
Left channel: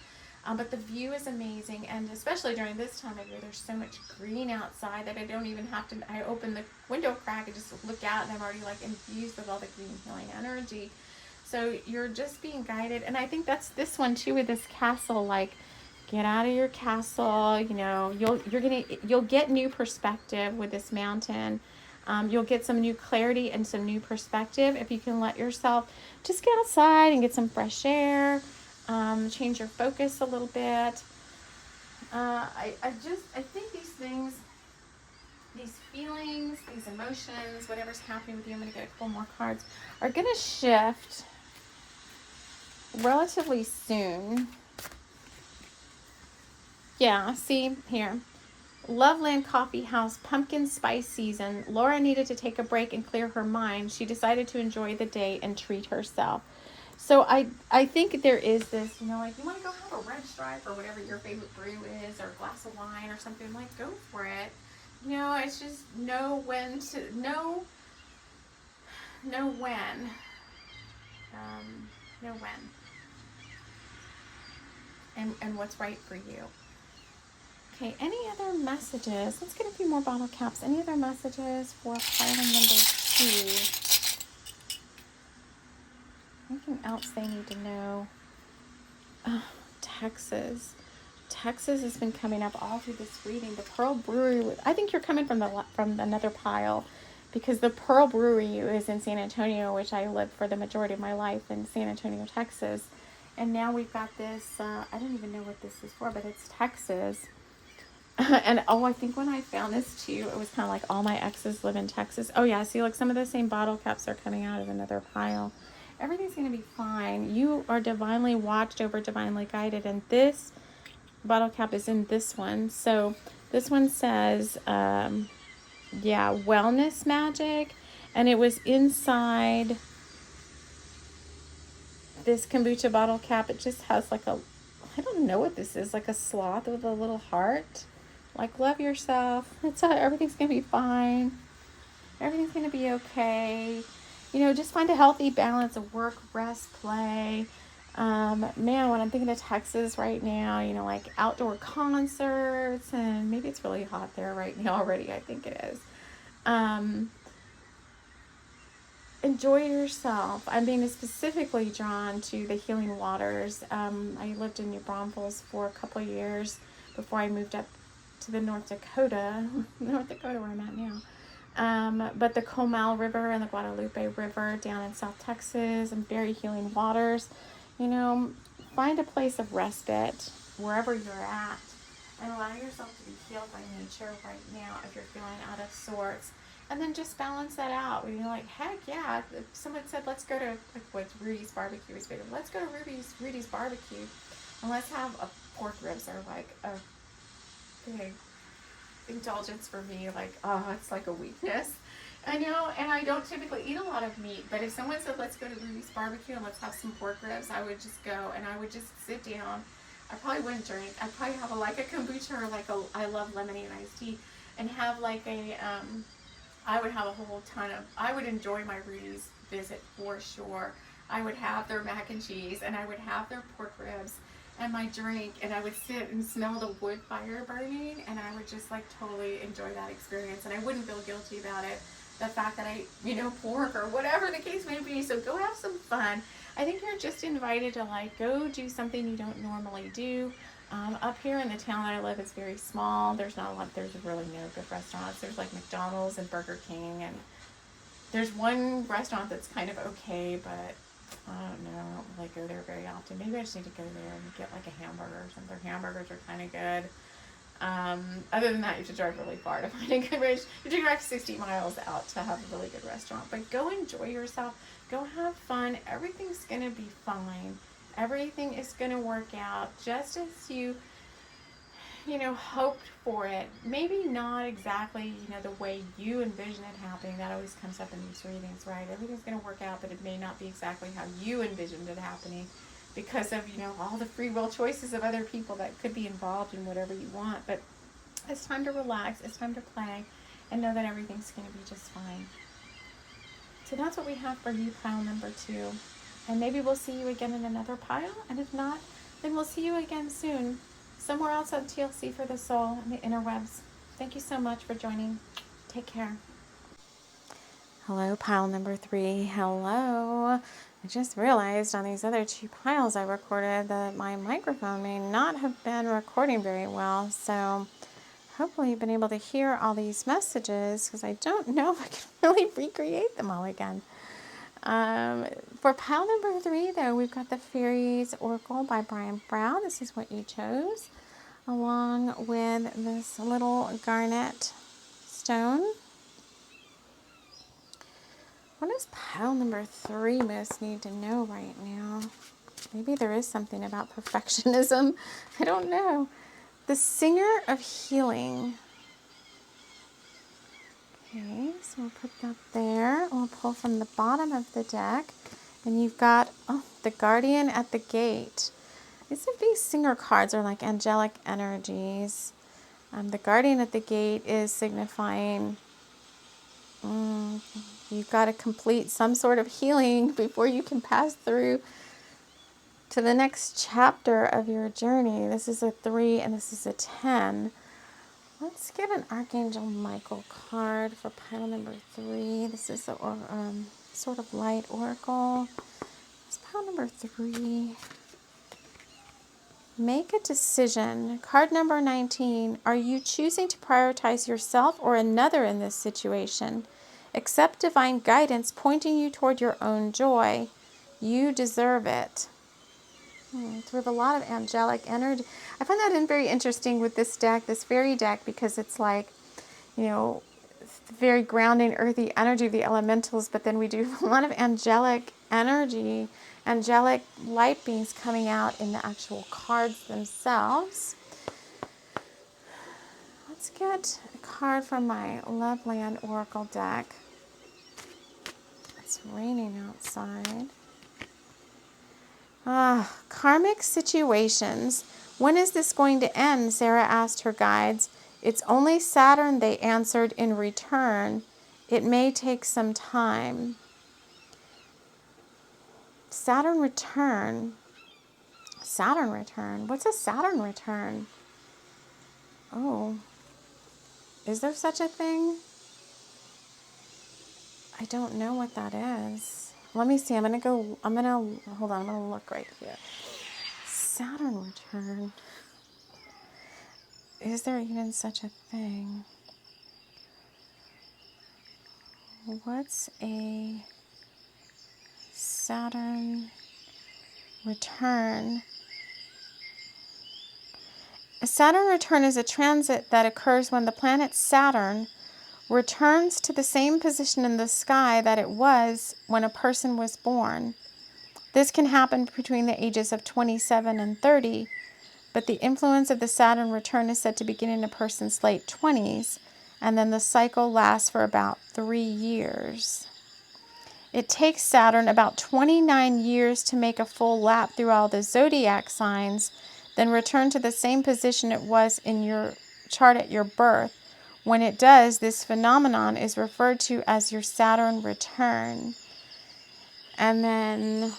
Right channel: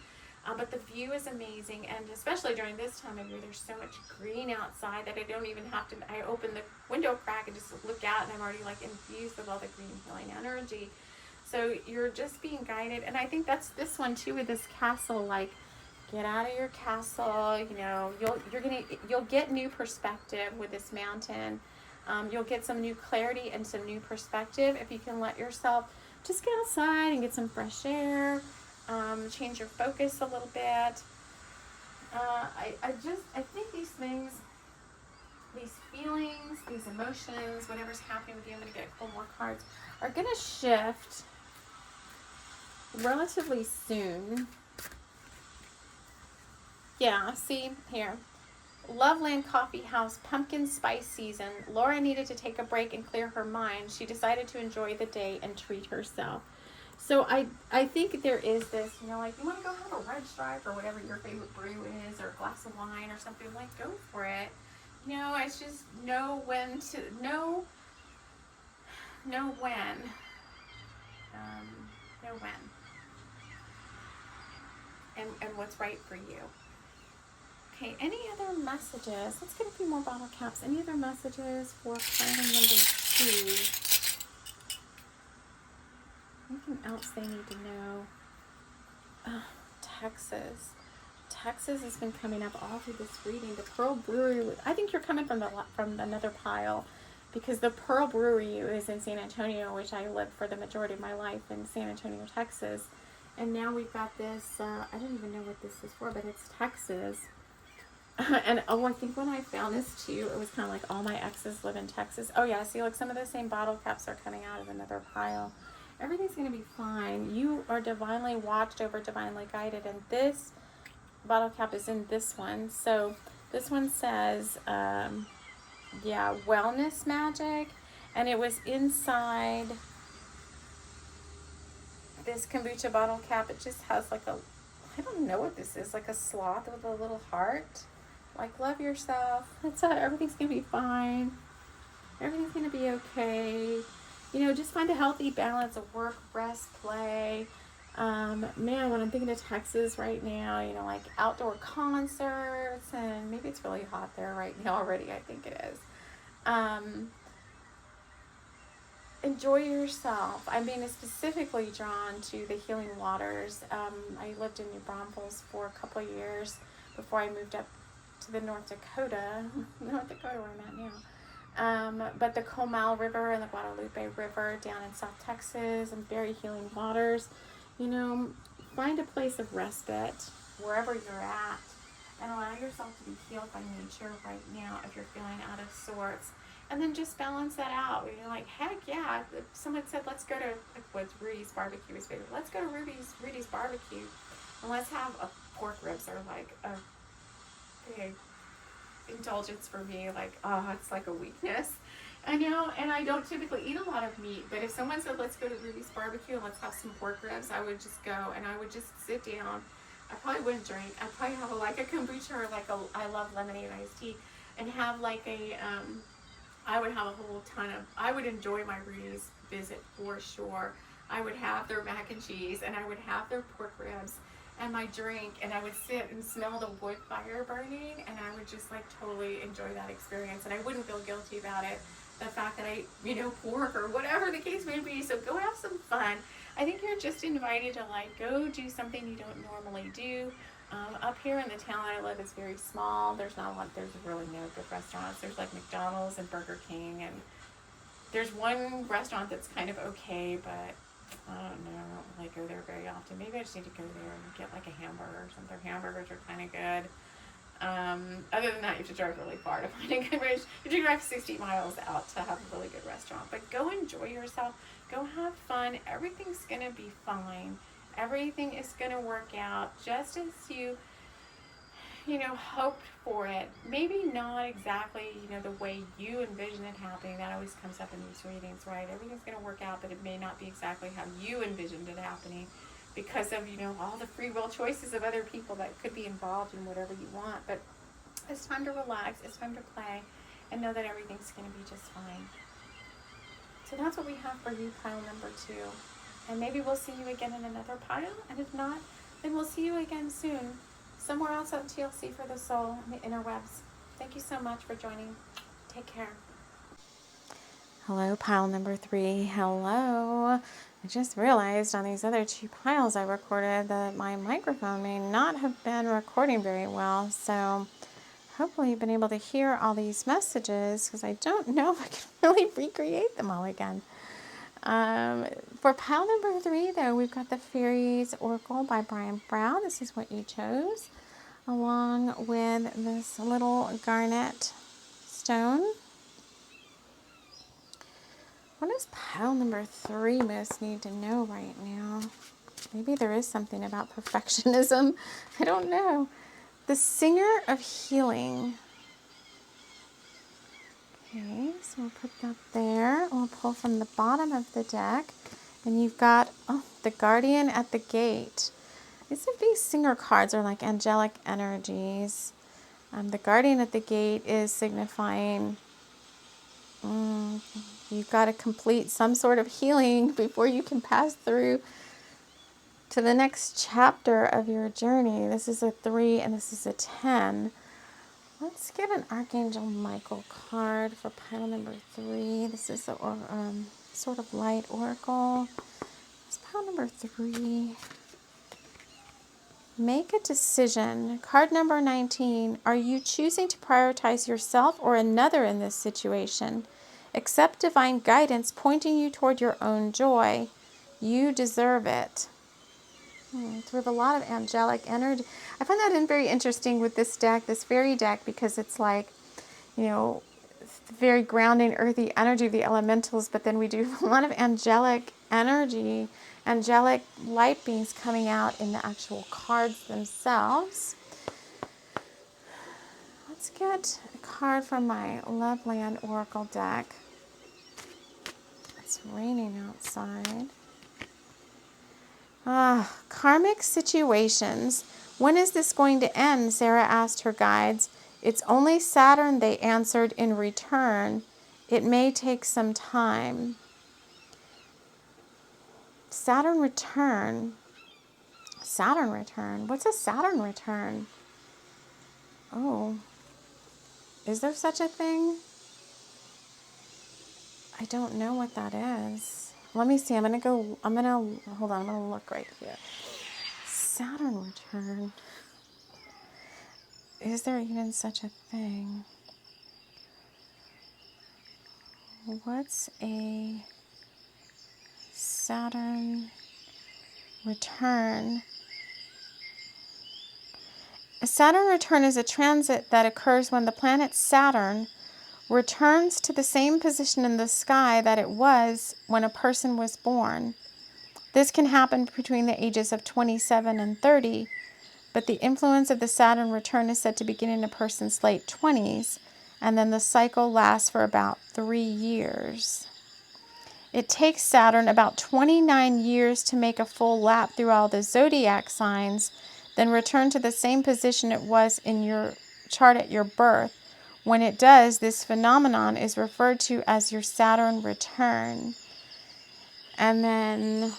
But the view is amazing, and especially during this time of year, there's so much green outside that I don't even have to, I open the window crack and just look out, and I'm already like infused with all the green healing energy. So you're just being guided, and I think that's this one too with this castle, like get out of your castle, you know, you'll get new perspective with this mountain. You'll get some new clarity and some new perspective if you can let yourself just get outside and get some fresh air. Change your focus a little bit. I think these things, these feelings, these emotions, whatever's happening with you, I'm going to get a couple more cards, are going to shift relatively soon. Yeah, see here. Loveland Coffee House, pumpkin spice season. Laura needed to take a break and clear her mind. She decided to enjoy the day and treat herself. So I think there is this, you know, like you want to go have a red stripe or whatever your favorite brew is, or a glass of wine or something, like go for it. You know, it's just know when, and what's right for you. Okay, any other messages? Let's get a few more bottle caps. Any other messages for pile number 2? Anything else they need to know? Texas. Texas has been coming up all through this reading. The Pearl Brewery. I think you're coming from another pile, because the Pearl Brewery is in San Antonio, which I lived for the majority of my life in San Antonio, Texas. And now we've got this. I don't even know what this is for, but it's Texas. And oh, I think when I found this too, it was kind of like all my exes live in Texas. Oh yeah, see, like some of the same bottle caps are coming out of another pile. Everything's going to be fine. You are divinely watched over, divinely guided, and this bottle cap is in this one. So this one says, yeah, wellness magic, and it was inside this kombucha bottle cap. It just has like a, I don't know what this is, like a sloth with a little heart. Like, love yourself. Everything's going to be fine. Everything's going to be okay. You know, just find a healthy balance of work, rest, play. Man, when I'm thinking of Texas right now, you know, like outdoor concerts, and maybe it's really hot there right now already. I think it is. Enjoy yourself. I'm being specifically drawn to the healing waters. I lived in New Braunfels for a couple of years before I moved up to the North Dakota where I'm at now. But the Comal River and the Guadalupe River down in South Texas, and very healing waters. You know, find a place of respite wherever you're at, and allow yourself to be healed by nature right now if you're feeling out of sorts. And then just balance that out. You know, like, heck yeah, if someone said, let's go to, like, what's Rudy's Barbecue is big. Let's go to Rudy's Barbecue, and let's have a pork ribs, or like a big indulgence for me. Like, oh, it's like a weakness. I know, and I don't typically eat a lot of meat, but if someone said, let's go to Rudy's Barbecue and let's have some pork ribs, I would just go, and I would just sit down. I probably wouldn't drink. I'd probably have like a kombucha, or like I love lemonade and iced tea, and have like a, I would have a whole ton of, I would enjoy my Rudy's visit for sure. I would have their mac and cheese, and I would have their pork ribs and my drink, and I would sit and smell the wood fire burning, and I would just like totally enjoy that experience, and I wouldn't feel guilty about it. The fact that I, you know, pork or whatever the case may be. So go have some fun. I think you're just invited to like go do something you don't normally do. Up here in the town I live, it's very small. There's really no good restaurants. There's like McDonald's and Burger King, and there's one restaurant that's kind of okay, but I don't know, I don't really go there very often. Maybe I just need to go there and get like a hamburger or something. Their hamburgers are kind of good. Other than that, you have to drive really far to find a good restaurant. You have to drive 60 miles out to have a really good restaurant. But go enjoy yourself. Go have fun. Everything's going to be fine. Everything is going to work out just as you know, hoped for it. Maybe not exactly, you know, the way you envision it happening. That always comes up in these readings, right? Everything's going to work out, but it may not be exactly how you envisioned it happening, because of, you know, all the free will choices of other people that could be involved in whatever you want. But it's time to relax, it's time to play, and know that everything's going to be just fine. So that's what we have for you, pile number 2. And maybe we'll see you again in another pile, and if not, then we'll see you again soon, somewhere else on TLC for the soul and the interwebs. Thank you so much for joining. Take care. Hello, pile number 3. Hello. I just realized on these other 2 piles I recorded that my microphone may not have been recording very well. So hopefully you've been able to hear all these messages, because I don't know if I can really recreate them all again. For pile number 3, though, we've got the Fairies Oracle by Brian Brown. This is what you chose, along with this little garnet stone. What does pile number 3 most need to know right now? Maybe there is something about perfectionism. I don't know. The Singer of Healing. Okay, so we'll put that there. We'll pull from the bottom of the deck. And you've got, the Guardian at the Gate. These Singer cards are like angelic energies. The Guardian at the Gate is signifying you've got to complete some sort of healing before you can pass through to the next chapter of your journey. This is a 3 and this is a 10. Let's get an Archangel Michael card for pile number 3. This is the sort of light oracle. It's pile number 3. Make a decision. Card number 19. Are you choosing to prioritize yourself or another in this situation? Accept divine guidance pointing you toward your own joy. You deserve it. It's with a lot of angelic energy. I find that very interesting with this deck, this fairy deck, because it's like, you know, very grounding, earthy energy of the elementals, but then we do a lot of angelic energy, angelic light beings coming out in the actual cards themselves. Let's get a card from my Loveland Oracle deck. It's raining outside. Karmic situations. When is this going to end? Sarah asked her guides. It's only Saturn, they answered in return. It may take some time. Saturn return. Saturn return. What's a Saturn return? Oh. Is there such a thing? I don't know what that is. Let me see. hold on, I'm going to look right here. Saturn return. Is there even such a thing? What's a Saturn return? A Saturn return is a transit that occurs when the planet Saturn returns to the same position in the sky that it was when a person was born. This can happen between the ages of 27 and 30, but the influence of the Saturn return is said to begin in a person's late 20s, and then the cycle lasts for about 3 years. It takes Saturn about 29 years to make a full lap through all the zodiac signs, then return to the same position it was in your chart at your birth. When it does, this phenomenon is referred to as your Saturn return. And then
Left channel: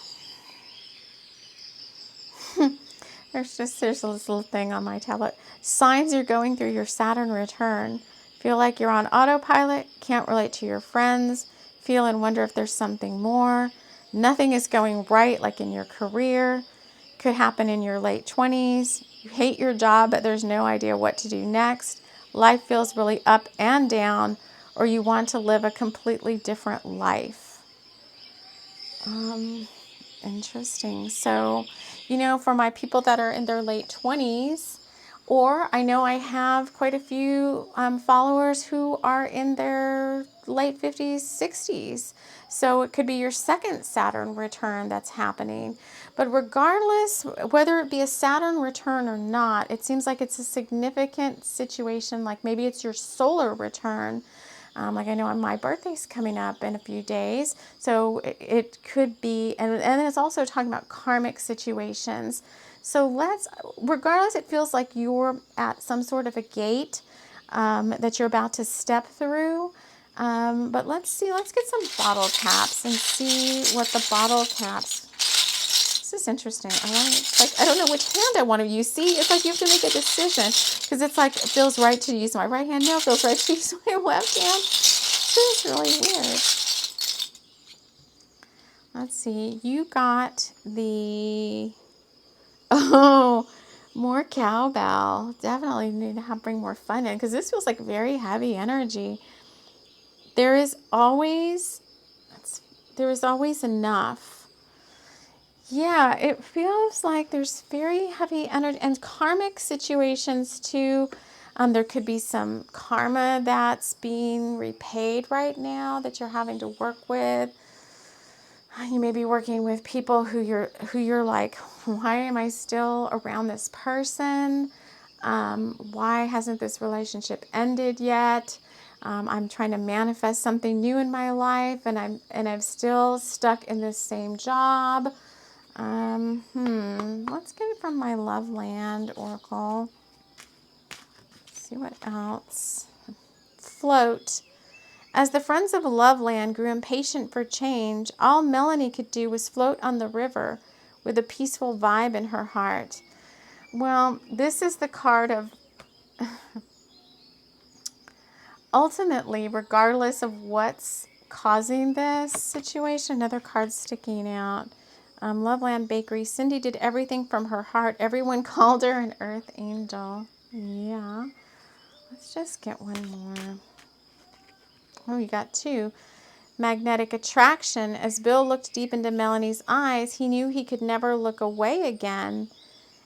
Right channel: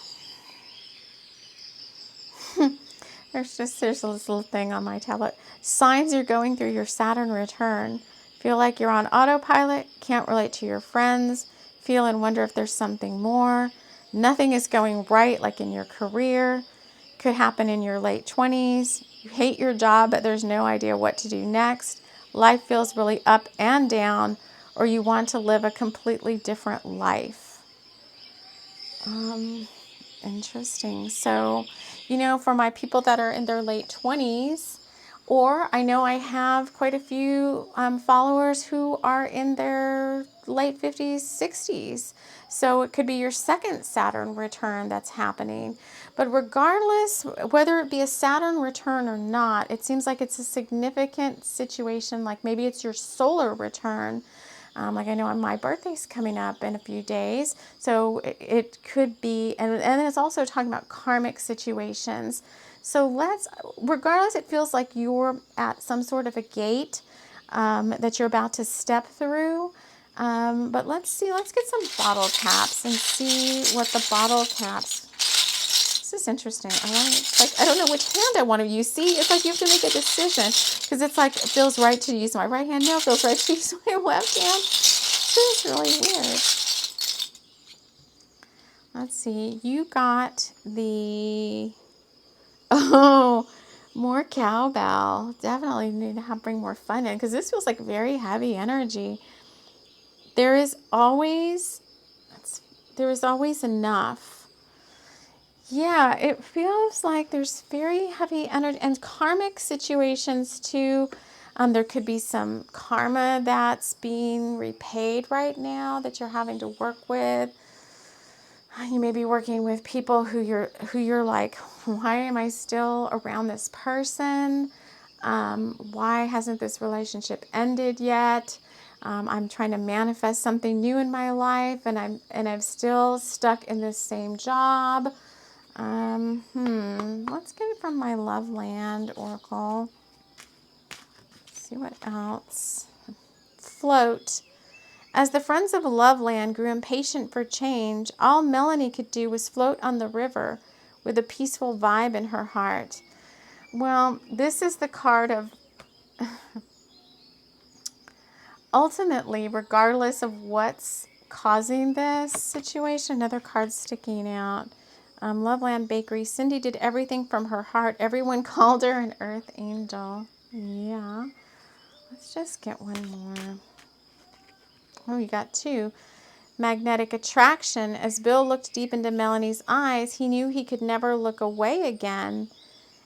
there's this little thing on my tablet. Signs you're going through your Saturn return. Feel like you're on autopilot, can't relate to your friends, feel and wonder if there's something more. Nothing is going right, like in your career. Could happen in your late 20s. You hate your job, but there's no idea what to do next. Life feels really up and down, or you want to live a completely different life. Interesting. So, for my people that are in their late 20s, or I know I have quite a few followers who are in their late 50s, 60s. So it could be your second Saturn return that's happening. But regardless, whether it be a Saturn return or not, it seems like it's a significant situation. Like maybe it's your solar return. Like I know my birthday's coming up in a few days. So it could be, and then it's also talking about karmic situations. So regardless, it feels like you're at some sort of a gate that you're about to step through. But let's get some bottle caps and see what the bottle caps. This is interesting. I don't know which hand I want to use. See, it's like you have to make a decision because it's like it feels right to use my right hand. No, it feels right to use my left hand. This is really weird. Let's see. You got the... Oh, more cowbell. Definitely need to bring more fun in because this feels like very heavy energy. There is always enough. Yeah, it feels like there's very heavy energy and karmic situations too. There could be some karma that's being repaid right now that you're having to work with. You may be working with people who you're like, why am I still around this person? Why hasn't this relationship ended yet? I'm trying to manifest something new in my life, and I'm still stuck in this same job. Let's get it from my Loveland Oracle. Let's see what else. Float. As the friends of Loveland grew impatient for change, all Melanie could do was float on the river with a peaceful vibe in her heart. Well, this is the card of ultimately, regardless of what's causing this situation, another card sticking out. Loveland Bakery. Cindy did everything from her heart. Everyone called her an earth angel. Yeah. Let's just get one more. Oh, you got two. Magnetic attraction. As Bill looked deep into Melanie's eyes, he knew he could never look away again.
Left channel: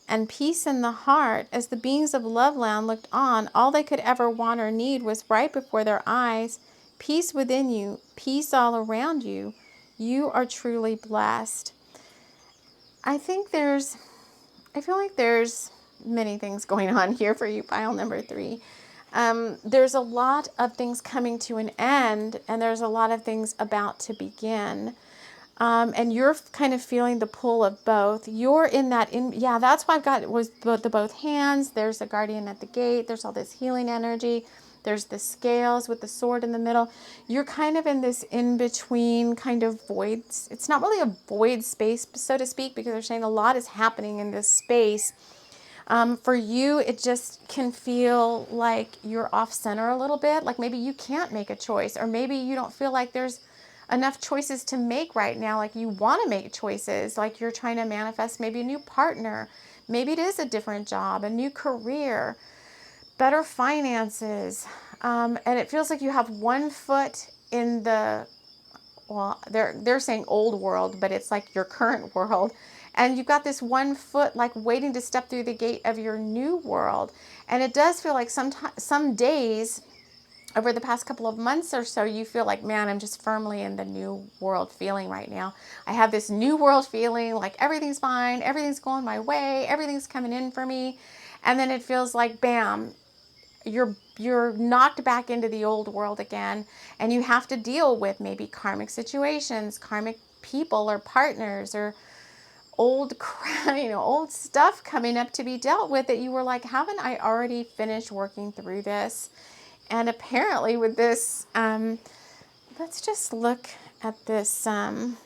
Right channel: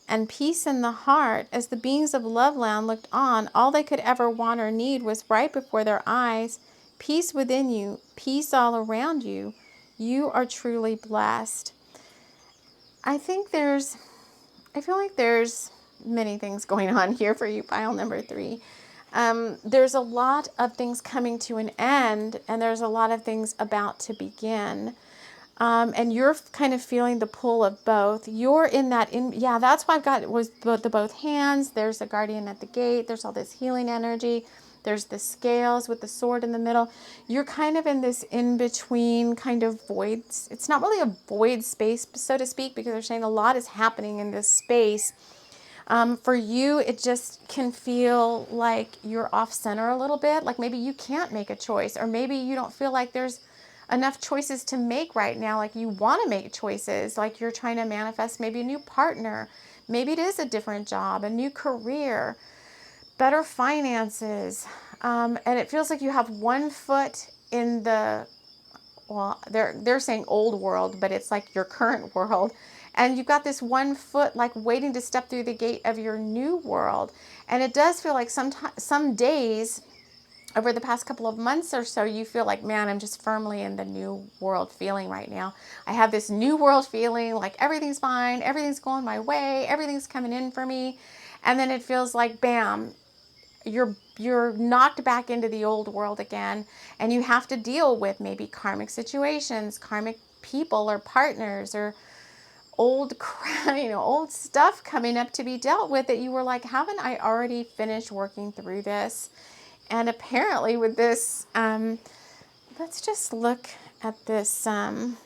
And peace in the heart. As the beings of Loveland looked on, all they could ever want or need was right before their eyes. Peace within you, peace all around you. You are truly blessed. I feel like there's many things going on here for you, pile number 3. There's a lot of things coming to an end, and there's a lot of things about to begin. And you're kind of feeling the pull of both. You're in that, yeah, that's why I've got was the both hands. There's the guardian at the gate. There's all this healing energy. There's the scales with the sword in the middle. You're kind of in this in-between kind of void. It's not really a void space, so to speak, because they're saying a lot is happening in this space. For you, it just can feel like you're off center a little bit. Like maybe you can't make a choice, or maybe you don't feel like there's enough choices to make right now. Like you want to make choices, like you're trying to manifest maybe a new partner. Maybe it is a different job, a new career, better finances. And it feels like you have one foot in the, well, they're saying old world, but it's like your current world. And you've got this one foot like waiting to step through the gate of your new world. And it does feel like some days over the past couple of months or so, you feel like, man, I'm just firmly in the new world feeling right now. I have this new world feeling like everything's fine, everything's going my way, everything's coming in for me. And then it feels like, bam, you're knocked back into the old world again, and you have to deal with maybe karmic situations, karmic people or partners, or old old stuff coming up to be dealt with that you were like, haven't I already finished working through this? And apparently with this, let's just look at this, the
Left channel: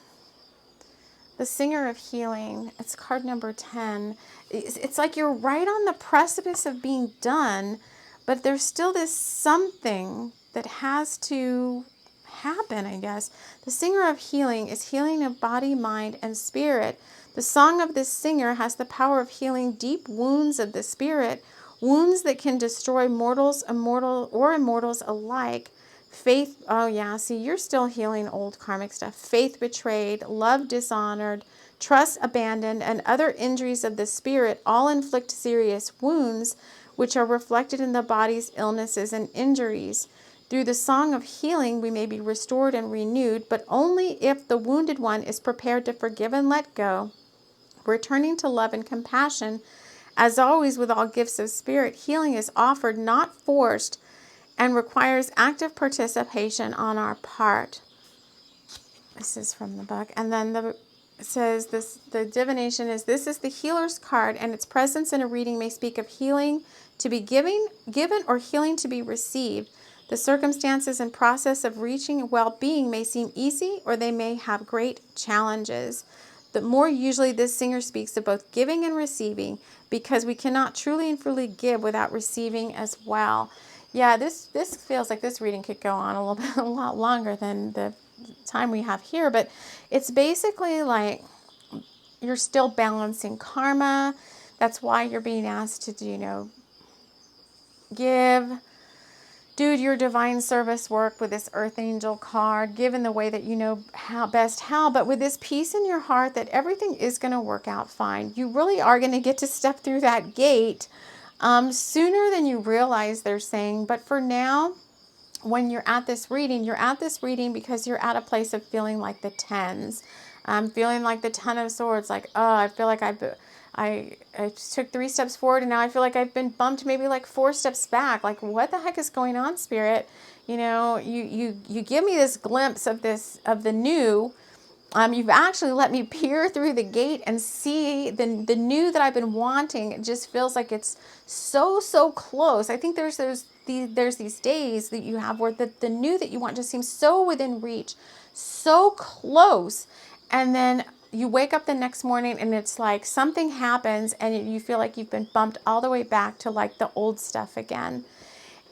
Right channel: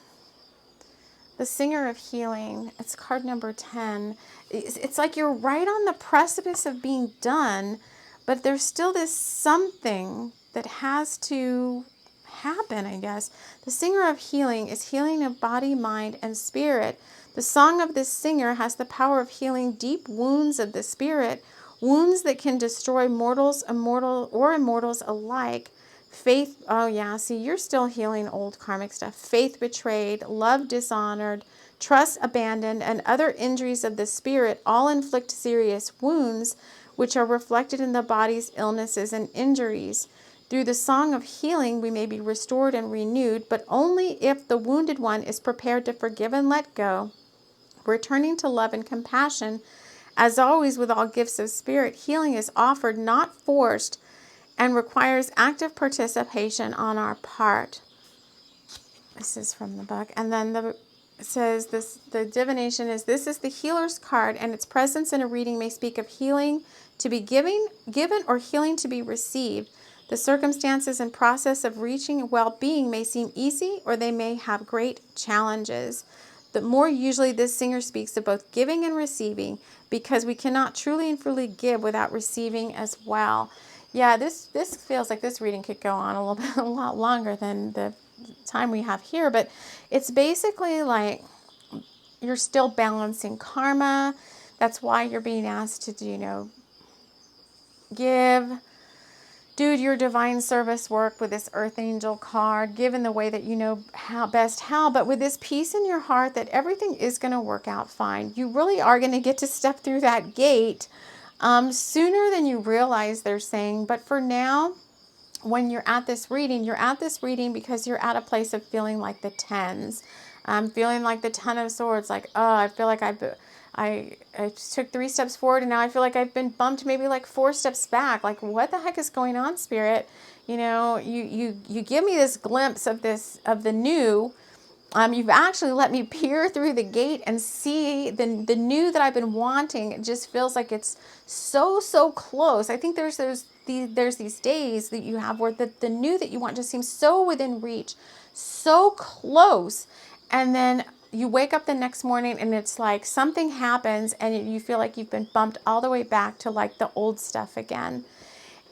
Singer of Healing. It's card number 10. It's like you're right on the precipice of being done, but there's still this something that has to happen, I guess. The Singer of Healing is healing of body, mind, and spirit. The song of this singer has the power of healing deep wounds of the spirit, wounds that can destroy mortals, immortals alike. Faith, oh yeah, see, you're still healing old karmic stuff. Faith betrayed, love dishonored, trust abandoned, and other injuries of the spirit all inflict serious wounds, which are reflected in the body's illnesses and injuries. Through the song of healing, we may be restored and renewed, but only if the wounded one is prepared to forgive and let go, returning to love and compassion. As always, with all gifts of spirit, healing is offered, not forced, and requires active participation on our part. This is from the book. And then it says this, the divination is, this is the healer's card, and its presence in a reading may speak of healing to be given or healing to be received. The circumstances and process of reaching well-being may seem easy, or they may have great challenges. But more usually, this singer speaks of both giving and receiving, because we cannot truly and fully give without receiving as well. Yeah, this feels like this reading could go on a lot longer than the time we have here, but it's basically like you're still balancing karma. That's why you're being asked to, do your divine service work with this Earth Angel card, give in the way that you know how, but with this peace in your heart that everything is going to work out fine. You really are going to get to step through that gate sooner than you realize, they're saying. But for now, when you're at this reading because you're at a place of feeling like the tens. Feeling like the Ten of Swords, like, oh, I feel like I took 3 steps forward, and now I feel like I've been bumped maybe like 4 steps back. Like, what the heck is going on, Spirit? You give me this glimpse of the new. You've actually let me peer through the gate and see the new that I've been wanting. It just feels like it's so close. I think there's these days that you have where the new that you want just seems so within reach, so close, and then you wake up the next morning and it's like something happens and you feel like you've been bumped all the way back to like the old stuff again.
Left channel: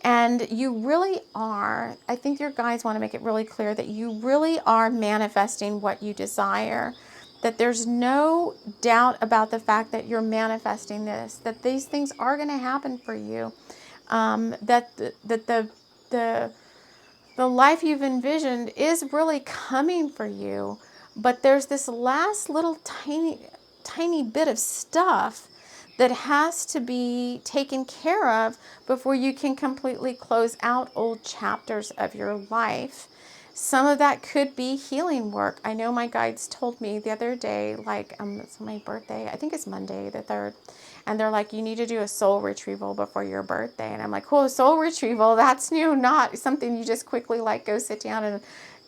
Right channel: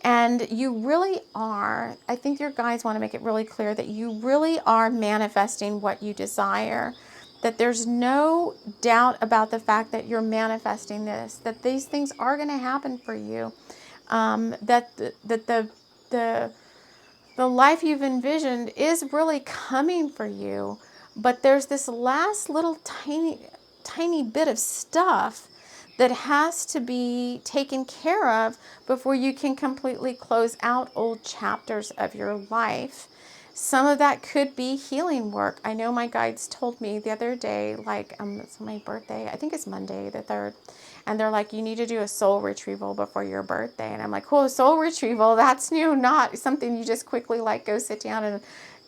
And you really are, I think your guides want to make it really clear that you really are manifesting what you desire, that there's no doubt about the fact that you're manifesting this, that these things are going to happen for you, that the life you've envisioned is really coming for you. But there's this last little tiny bit of stuff that has to be taken care of before you can completely close out old chapters of your life. Some of that could be healing work. I know my guides told me the other day, like, it's my birthday. I think it's Monday the 3rd. And they're like, you need to do a soul retrieval before your birthday. And I'm like, oh, soul retrieval, that's new, not something you just quickly like go sit down and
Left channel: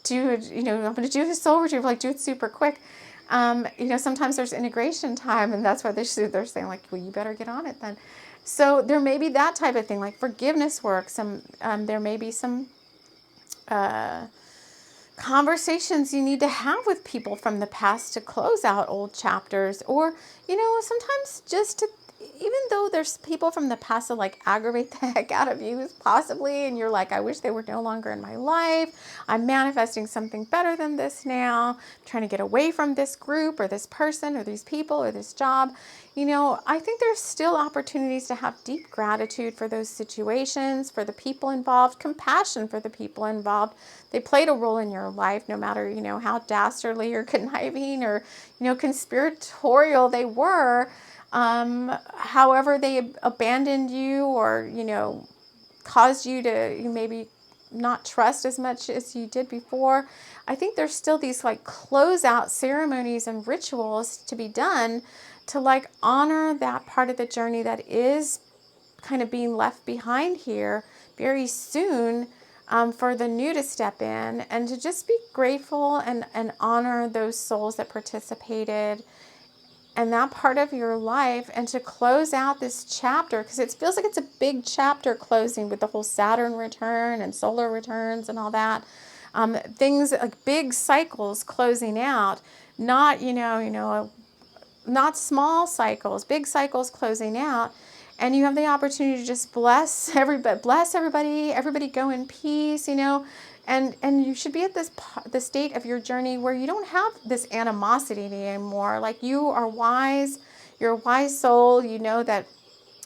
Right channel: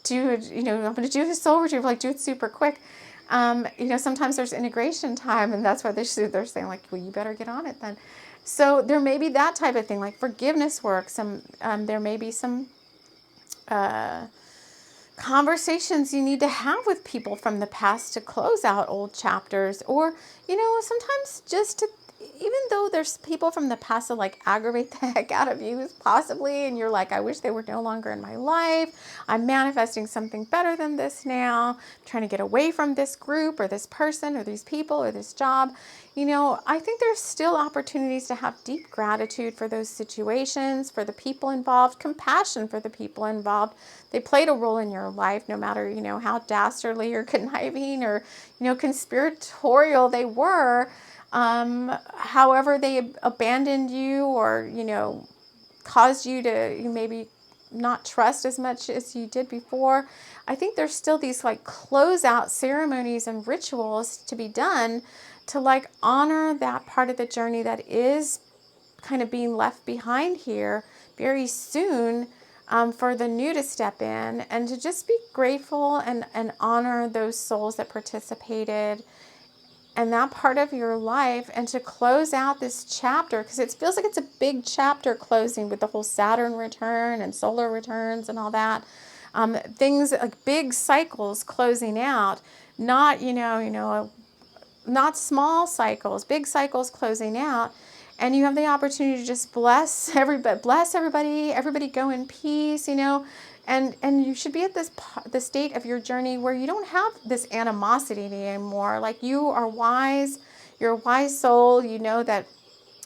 do, I'm going to do a soul retrieval, like do it super quick. Sometimes there's integration time, and that's why they're saying like, well, you better get on it then. So there may be that type of thing, like forgiveness work. There may be some conversations you need to have with people from the past to close out old chapters, or sometimes just to, even though there's people from the past that like aggravate the heck out of you possibly, and you're like, I wish they were no longer in my life, I'm manifesting something better than this now, I'm trying to get away from this group or this person or these people or this job. I think there's still opportunities to have deep gratitude for those situations, for the people involved, compassion for the people involved. They played a role in your life, no matter, how dastardly or conniving or, conspiratorial they were. However they abandoned you or, caused you to maybe not trust as much as you did before. I think there's still these like closeout ceremonies and rituals to be done to like honor that part of the journey that is kind of being left behind here very soon, for the new to step in, and to just be grateful and honor those souls that participated and that part of your life, and to close out this chapter, because it feels like it's a big chapter closing with the whole Saturn return and solar returns and all that. Things like big cycles closing out, not, not small cycles, big cycles closing out. And you have the opportunity to just bless everybody go in peace, and you should be at the state of your journey where you don't have this animosity anymore. Like, you are wise, you're a wise soul. You know that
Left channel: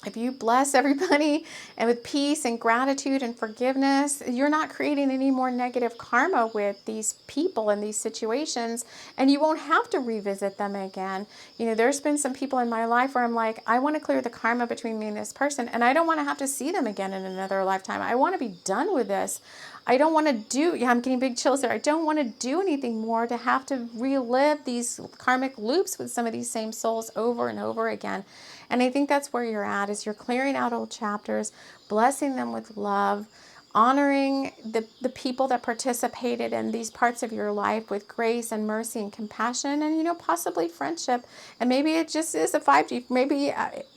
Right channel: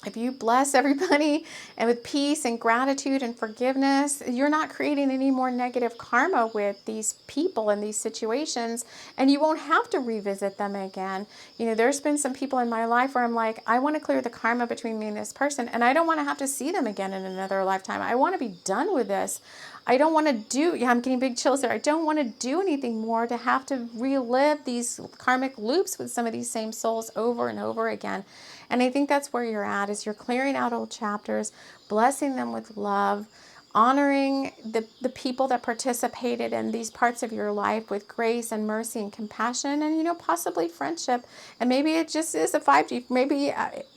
if you bless everybody and with peace and gratitude and forgiveness, you're not creating any more negative karma with these people and these situations, and you won't have to revisit them again. There's been some people in my life where I'm like, I want to clear the karma between me and this person, and I don't want to have to see them again in another lifetime. I want to be done with this. I don't want to I'm getting big chills there. I don't want to do anything more to have to relive these karmic loops with some of these same souls over and over again. And I think that's where you're at, is you're clearing out old chapters, blessing them with love, honoring the people that participated in these parts of your life with grace and mercy and compassion, and, possibly friendship. And maybe it just is a 5G. Maybe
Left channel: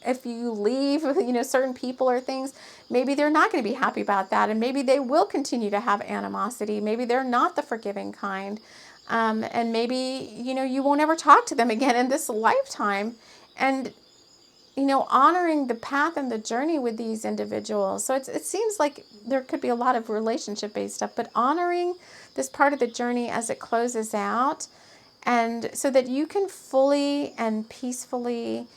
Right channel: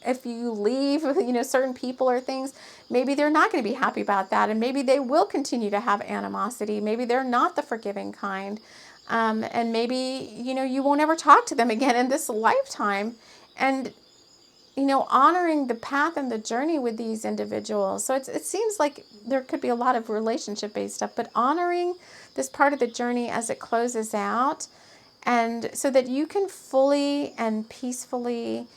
if you leave, certain people or things, maybe they're not going to be happy about that. And maybe they will continue to have animosity. Maybe they're not the forgiving kind. And maybe, you won't ever talk to them again in this lifetime. And honoring the path and the journey with these individuals. So it seems like there could be a lot of relationship-based stuff, but honoring this part of the journey as it closes out, and so that you can fully and peacefully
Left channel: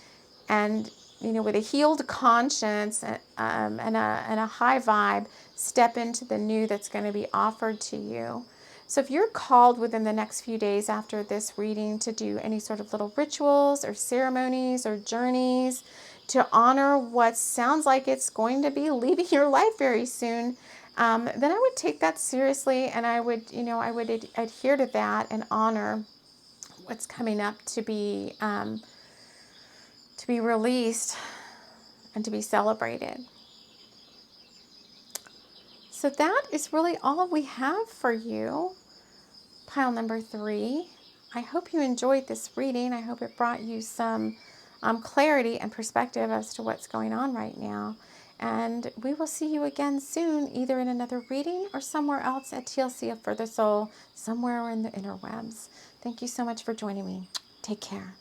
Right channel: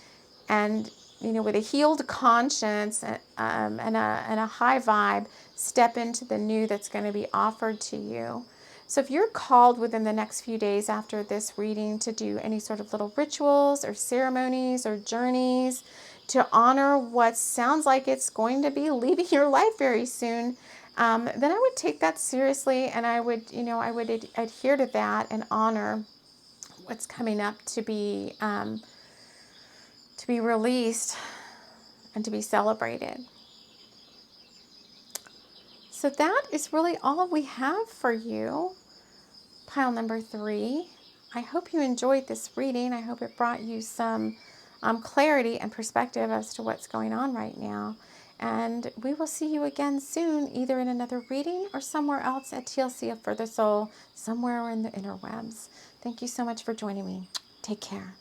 and, with a healed conscience and a high vibe, step into the new that's going to be offered to you. So if you're called within the next few days after this reading to do any sort of little rituals or ceremonies or journeys to honor what sounds like it's going to be leaving your life very soon, then I would take that seriously, and I would adhere to that and honor what's coming up to be released and to be celebrated. So that is really all we have for you, pile number 3. I hope you enjoyed this reading. I hope it brought you some clarity and perspective as to what's going on right now. And we will see you again soon, either in another reading or somewhere else at TLC of Further Soul, somewhere in the interwebs. Thank you so much for joining me. Take care.